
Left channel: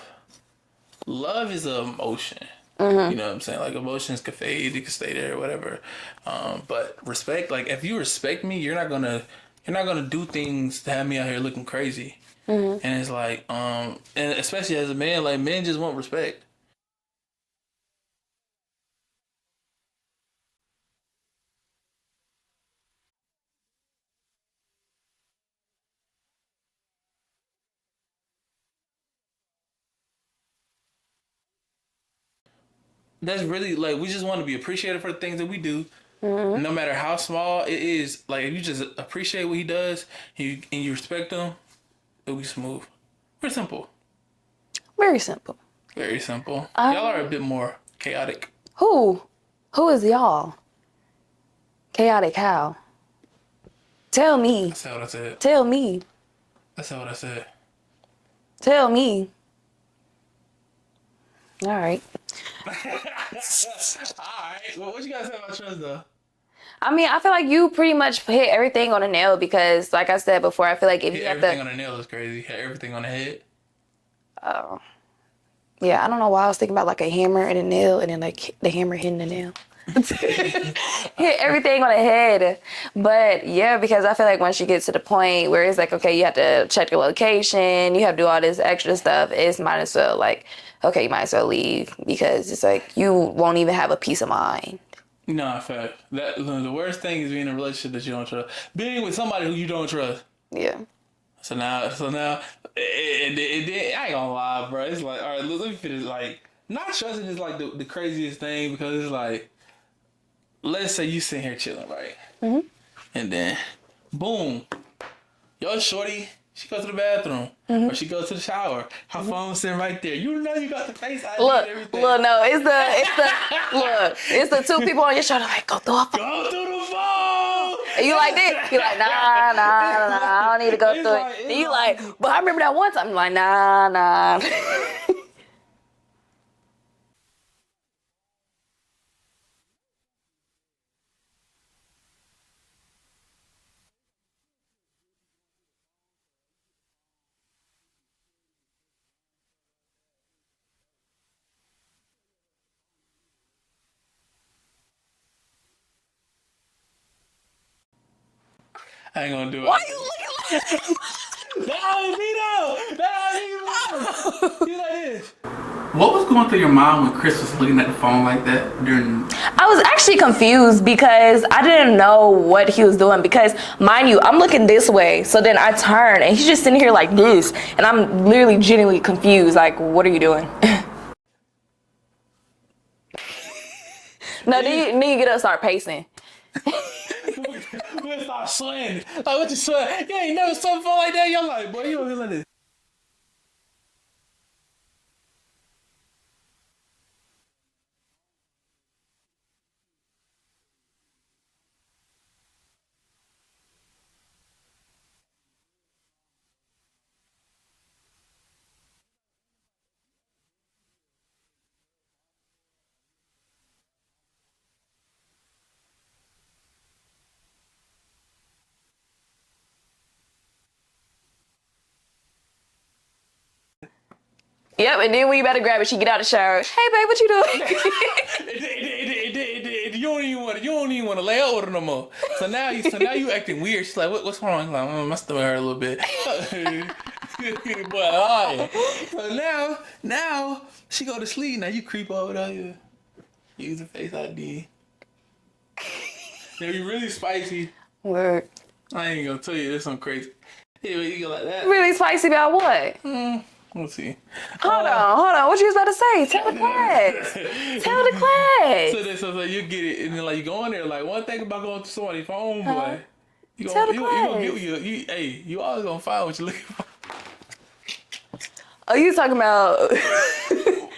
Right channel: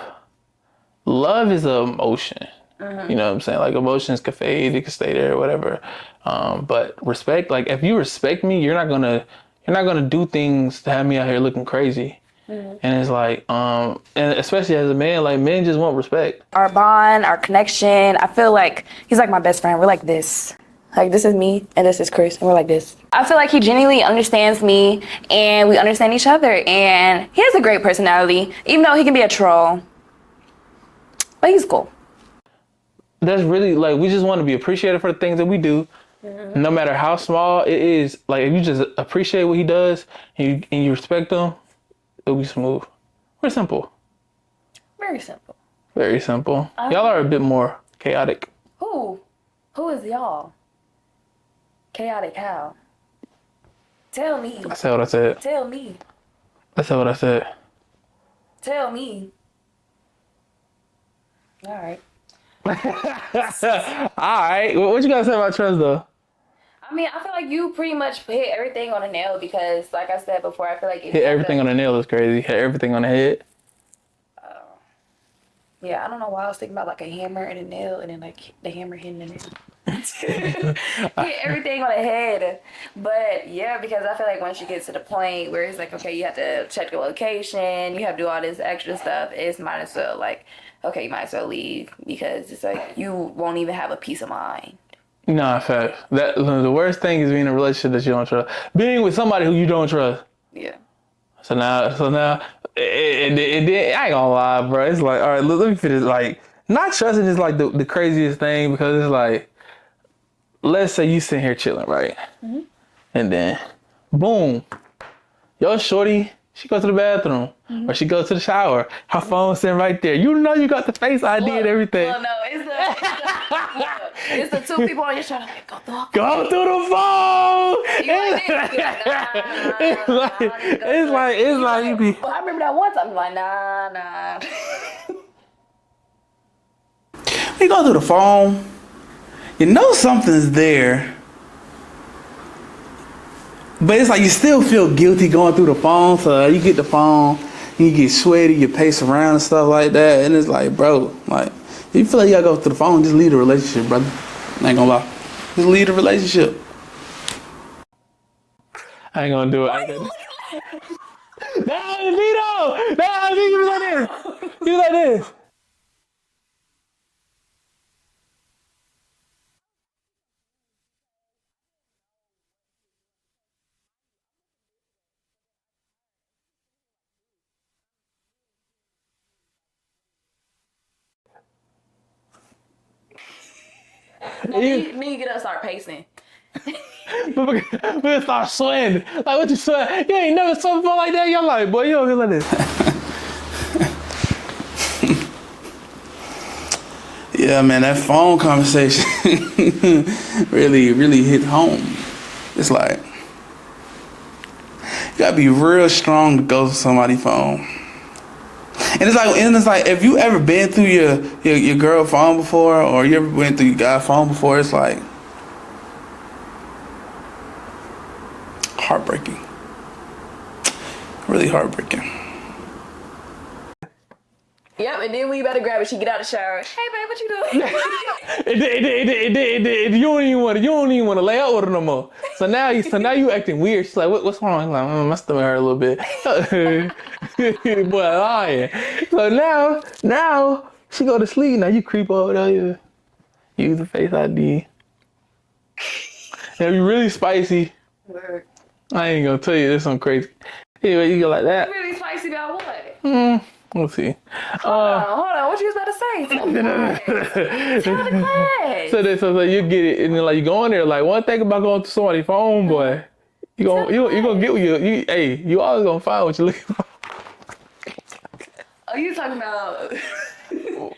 is an emotion. You know what I'm saying? Like emotions can fade, it can stay there or whatever. But respect, like if you respect me, you're not gonna do things to have me out here looking crazy. And it's like, and especially as a man, like men just want respect. Our bond, our connection, I feel like he's like my best friend. We're like this. Like this is me and this is Chris and we're like this. I feel like he genuinely understands me and we understand each other, and he has a great personality, even though he can be a troll. But he's cool. That's really like, we just want to be appreciated for the things that we do. No matter how small it is, like if you just appreciate what he does and you respect him, it'll be smooth. Very simple. Very simple. Very simple. Y'all are a bit more chaotic. Who? Who is y'all? Chaotic how? Tell me. I said what I said. Tell me. I said what I said. Tell me. All right. All right. What you gotta say about trust though? I mean, I feel like you pretty much hit everything on the nail because, like I said before, I feel like if Hit everything on the nail is crazy. Hit everything on the head. Yeah, I don't know why I was thinking about like a hammer and a nail, and then like the hammer hitting the nail. Hit everything on the head. But yeah, because I feel like once you get to the point where it's like, okay, you have to check your location, you have to do all this extra stuff, it's might as well like, okay, you might as well leave, because it's like you won't even have a peace of mind. Nah, fact. That the worst thing is being in a relationship that you don't trust. Being with somebody who you don't trust. Yeah. So now, I ain't gonna lie, bro. It's like, all right, let me finish. Like, not trusting is like the craziest thing, because it's like, let's say you sitting here chilling, right? Mm-hmm. And then, boom, your shorty, she goes to the bathroom, or she goes to the shower. Her phone's sitting right there. You know you got the Face ID and everything. Well, no, it's the two people on your shoulder like, go through a phone. Go through the phone. And you're like this. You're like, nah, I don't need to go through it. And you're like, but I remember that one time. I'm like, nah. You go through the phone, you know something's there, but it's like you still feel guilty going through the phone. So you get the phone, you get sweaty, you pace around and stuff like that, and it's like, bro, like, if you feel like you gotta go through the phone, just leave the relationship, brother. I ain't gonna lie, just leave the relationship. I ain't gonna do it. Why you looking like Nah, you like this. You like this. What was going through your mind when Chris was looking at the phone like that during? I was actually confused because I didn't know what he was doing, because, mind you, I'm looking this way, so then I turn and he's just sitting here like this, and I'm literally genuinely confused, like, what are you doing? No, then you get up and start pacing. We're gonna start sweating. Like, what you sweat? You ain't never saw a phone like that. You're like, boy, you don't feel like this. Yeah, man, that phone conversation really hit home. It's like, you gotta be real strong to go to somebody's phone. And it's like, if you ever been through your girl phone before, or you ever went through your guy phone before, it's like heartbreaking. Really heartbreaking. Yep, and then when you better grab it, she get out of the shower. Hey, babe, what you doing? You don't even want to lay out with her no more. So now you acting weird. She's like, what's wrong? I'm like, my stomach hurt a little bit. Boy, oh yeah. So now she go to sleep. Now you creep over there. You use the Face ID. Now you really spicy. Word. I ain't gonna tell you this one crazy. Anyway, you go like that. Really spicy about what? We'll see. Hold on. What you was about to say? Tell the class. Tell the class. So you get it, and then like you go in there. Like, one thing about going to somebody's phone, boy, you gonna get what you always gonna find what you're looking for. Oh, you talking about?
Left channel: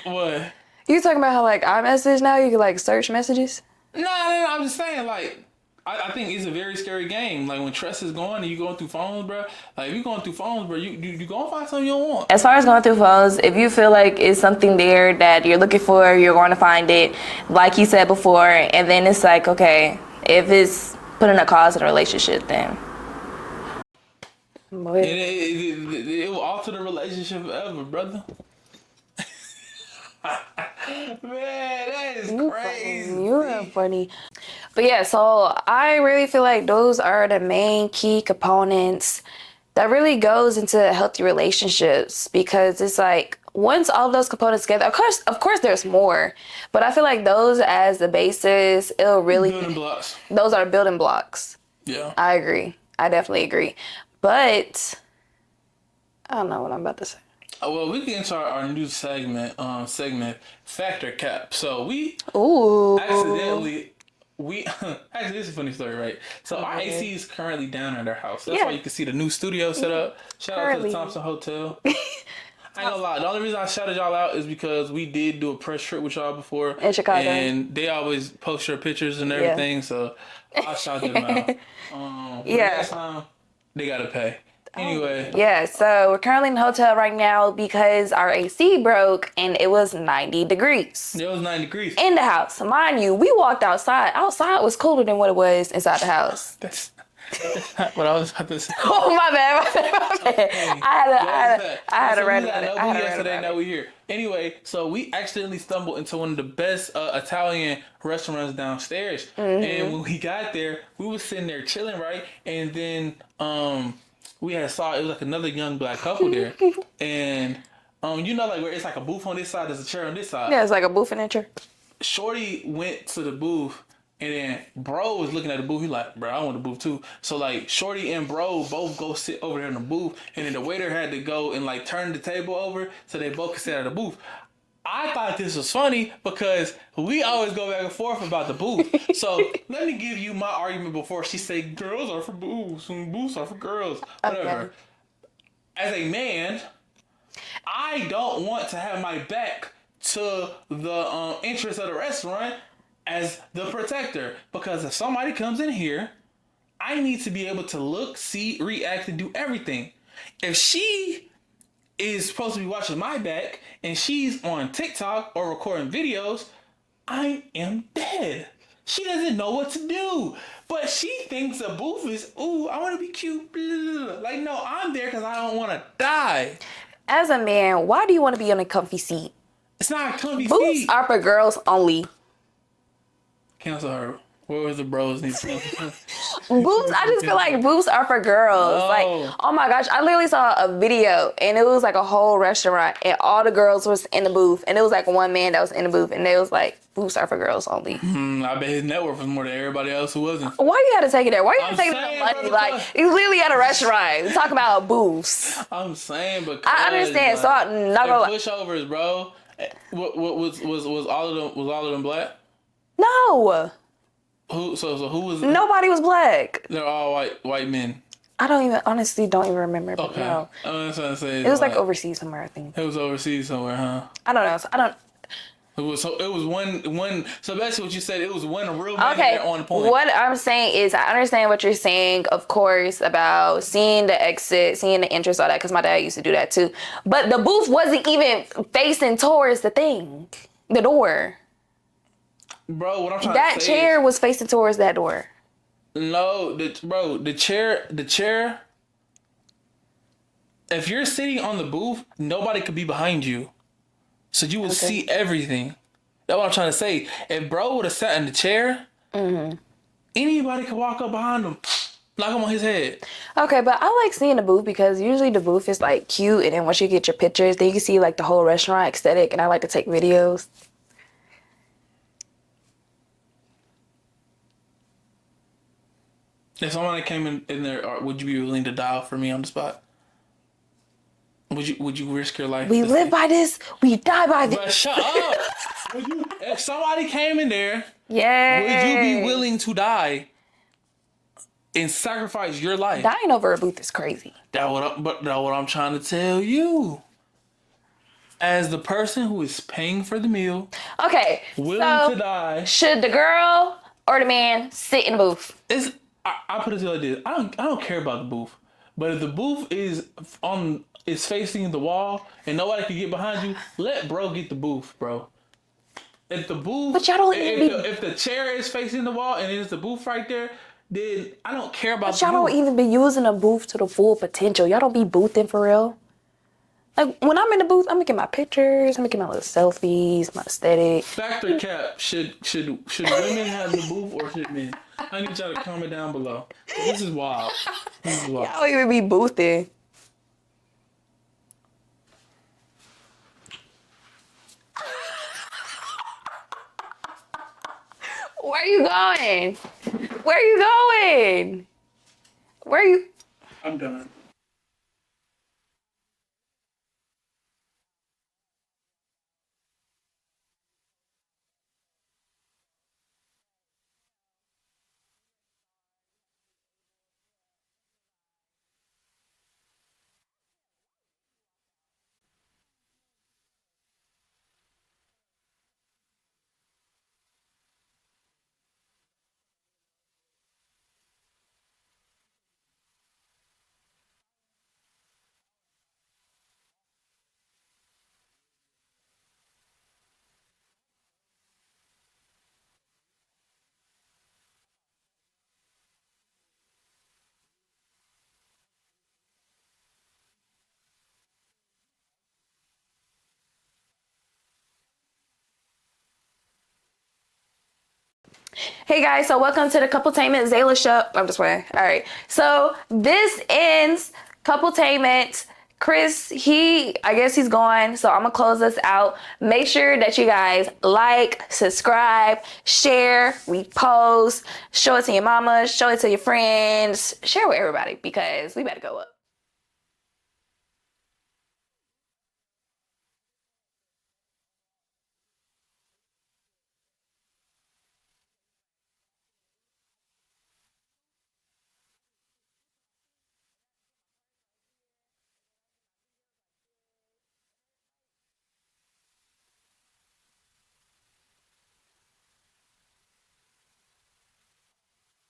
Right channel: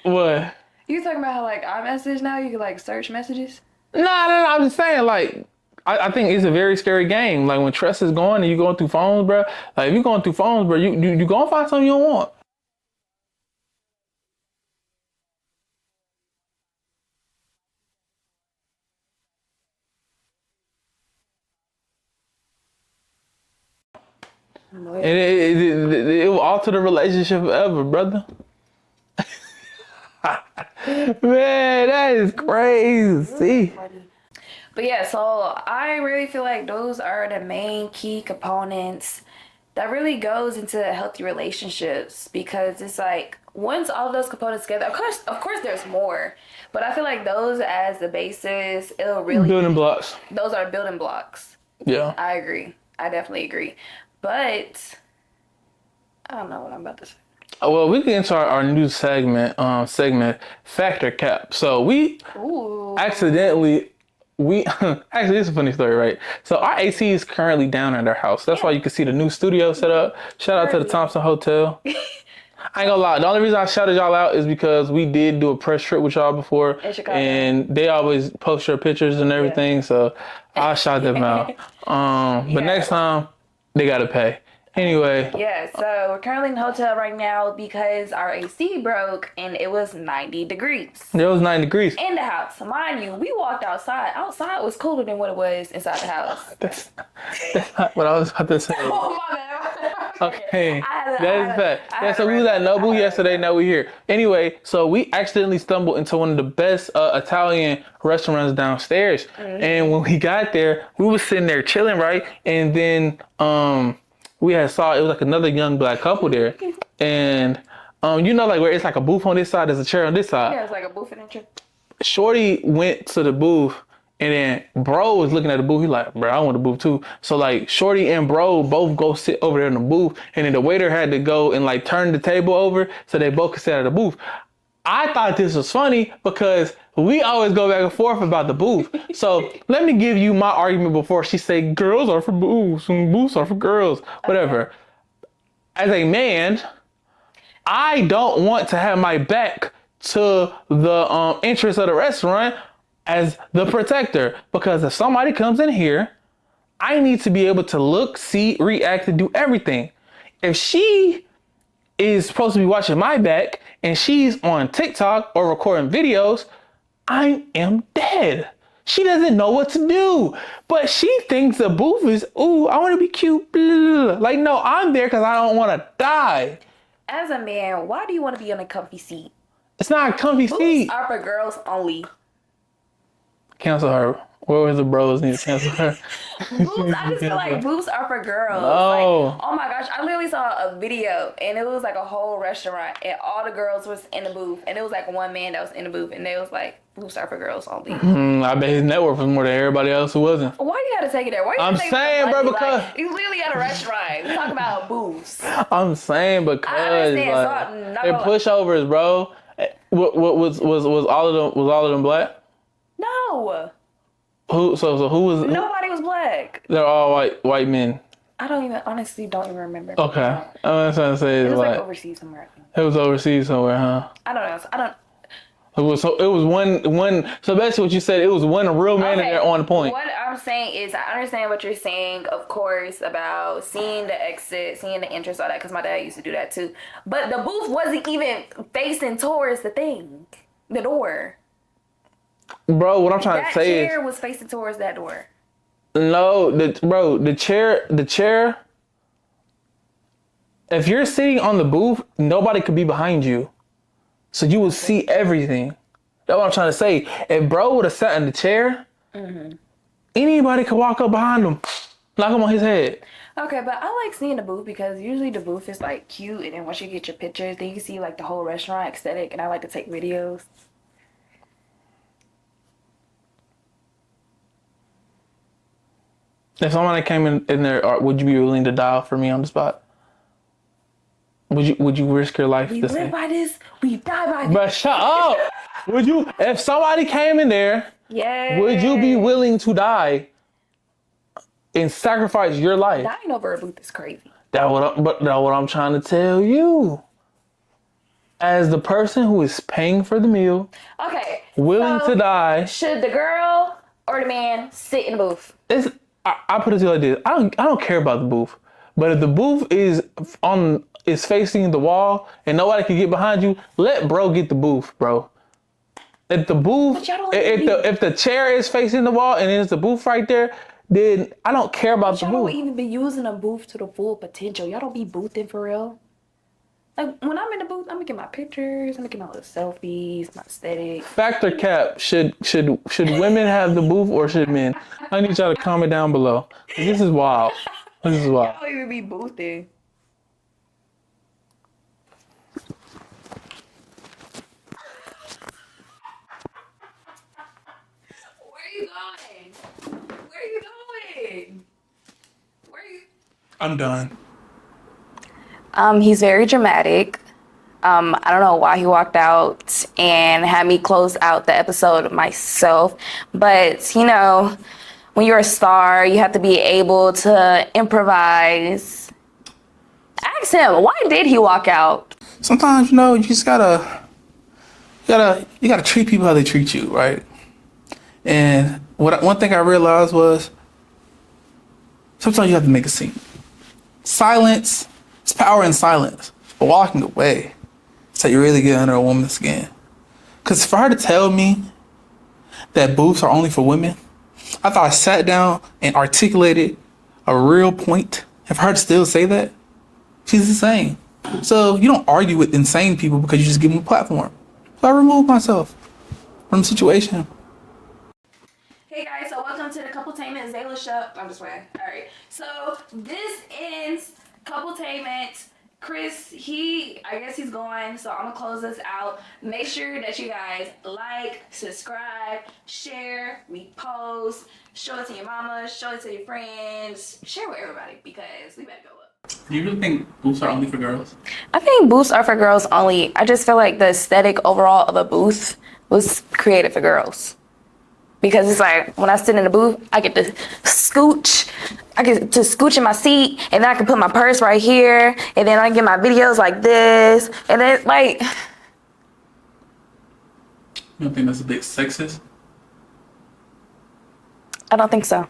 What? You talking about how like iMessage now you can like search messages? No. I'm just saying, like, I think it's a very scary game. Like, when trust is going and you going through phones, bro. Like, if you going through phones, bro, you gonna find something you don't want. As far as going through phones, if you feel like it's something there that you're looking for, you're going to find it, like you said before. And then it's like, okay, if it's putting a cause in a relationship, then. And it will alter the relationship forever, brother. Man, that is crazy. You're funny. But yeah, so I really feel like those are the main key components that really goes into healthy relationships, because it's like once all of those components together, of course there's more, but I feel like those as the basis, it'll really building blocks. Those are building blocks. Yeah. I agree. I definitely agree. But I don't know what I'm about to say. Well, we get into our new segment, Factor Cap. So we accidentally, actually, this is a funny story, right? So our AC is currently down at our house. That's why you can see the new studio set up. Shout out to the Thompson Hotel. I ain't gonna lie. The only reason I shouted y'all out is because we did do a press trip with y'all before. In Chicago. And they always post your pictures and everything. So I shout them out. But next time, they gotta pay. Anyway. Yeah, so we're currently in the hotel right now because our AC broke and it was 90 degrees. It was 9 degrees. In the house. Mind you, we walked outside. Outside was cooler than what it was inside the house. That's not what I was about to say. Oh, my bad. Okay. So we was at Nobu yesterday, now we here. Anyway, so we accidentally stumbled into one of the best Italian restaurants downstairs. And when we got there, we was sitting there chilling, right? And then we had saw it was like another young black couple there. And you know, like where it's like a booth on this side, there's a chair on this side. Yeah, it's like a booth in a chair. Shorty went to the booth, and then bro was looking at the booth. He like, bro, I want the booth too. So like Shorty and bro both go sit over there in the booth, and then the waiter had to go and like turn the table over so they both could sit at the booth. I thought this was funny because we always go back and forth about the booth. So let me give you my argument before she say girls are for booths and booths are for girls, whatever. Okay. As a man, I don't want to have my back to the entrance of the restaurant as the protector, because if somebody comes in here, I need to be able to look, see, react, and do everything. If she is supposed to be watching my back and she's on TikTok or recording videos, I am dead. She doesn't know what to do, but she thinks the booth is, ooh, I want to be cute. Blah, blah, blah. Like, no, I'm there because I don't want to die. As a man, why do you want to be on a comfy seat? It's not a comfy seat. Booths are for girls only. Cancel her. What was the bros need to cancel her? Booths, I just feel like booths are for girls. No. Like, oh my gosh, I literally saw a video and it was like a whole restaurant and all the girls was in the booth and it was like one man that was in the booth and they was like, booths are for girls only. I bet his network was more than everybody else who wasn't. Why you gotta take it there? Why you gotta take it there? Like, he's literally at a restaurant. We talk about booths. I'm saying because I understand. Like, so and pushovers, bro. What was all of them black? No. Who? So who was? Nobody was black. They're all white men. Honestly don't even remember. Okay. I'm trying to say it was like overseas somewhere, I think. It was overseas somewhere, huh? I don't know. It was one. So basically, what you said, it was one real man in there on point. What I'm saying is, I understand what you're saying, of course, about seeing the exit, seeing the entrance, all that, because my dad used to do that too. But the booth wasn't even facing towards the door. Bro, what I'm trying to say is, that chair was facing towards that door. No, the chair. If you're sitting on the booth, nobody could be behind you. So you will see everything. That's what I'm trying to say. If bro would have sat in the chair, anybody could walk up behind him, knock him on his head. Okay, but I like seeing the booth because usually the booth is like cute, and then once you get your pictures, then you can see like the whole restaurant aesthetic, and I like to take videos. If somebody came in there, would you be willing to die for me on the spot? Would you risk your life? We live by this, we die by this. But shut up! Would you? If somebody came in there, would you be willing to die and sacrifice your life? Dying over a booth is crazy. That's what I'm trying to tell you. As the person who is paying for the meal, willing to die, should the girl or the man sit in the booth? I put it to you like this: I don't care about the booth, but if the booth is facing the wall and nobody can get behind you, let bro get the booth, bro. If the booth, if the chair is facing the wall and there's the booth right there, then I don't care about the booth. Y'all don't even be using a booth to the full potential. Y'all don't be boothing for real. Like when I'm in the booth, I'm making my pictures, I'm making my little selfies, my aesthetic. Fact or cap? Should women have the booth or should men? I need y'all to comment down below. This is wild. Y'all don't even be boothing. Where are you going? Where are you going? Where are you? I'm done. He's very dramatic. I don't know why he walked out and had me close out the episode myself. But, you know, when you're a star, you have to be able to improvise. Ask him, why did he walk out? Sometimes, you just gotta treat people how they treat you, right? And one thing I realized was sometimes you have to make a scene. silence, it's power in silence. But walking away, it's how you really get under a woman's skin. Because for her to tell me that booths are only for women, I thought I sat down and articulated a real point. And for her to still say that, she's insane. So you don't argue with insane people because you just give them a platform. So I removed myself from the situation. Hey guys, so welcome to the Coupletainment Zayla show. I'm just playing. All right. So this ends Coupletainment. Chris, I guess he's gone, so I'm gonna close this out. Make sure that you guys like, subscribe, share, repost, show it to your mama, show it to your friends, share with everybody because we better go up. Do you really think booths are only for girls? I think booths are for girls only. I just feel like the aesthetic overall of a booth was created for girls. Because it's like, when I sit in the booth, I get to scooch. I get to scooch in my seat, and then I can put my purse right here, and then I get my videos like this, and then like... You don't think that's a bit sexist? I don't think so.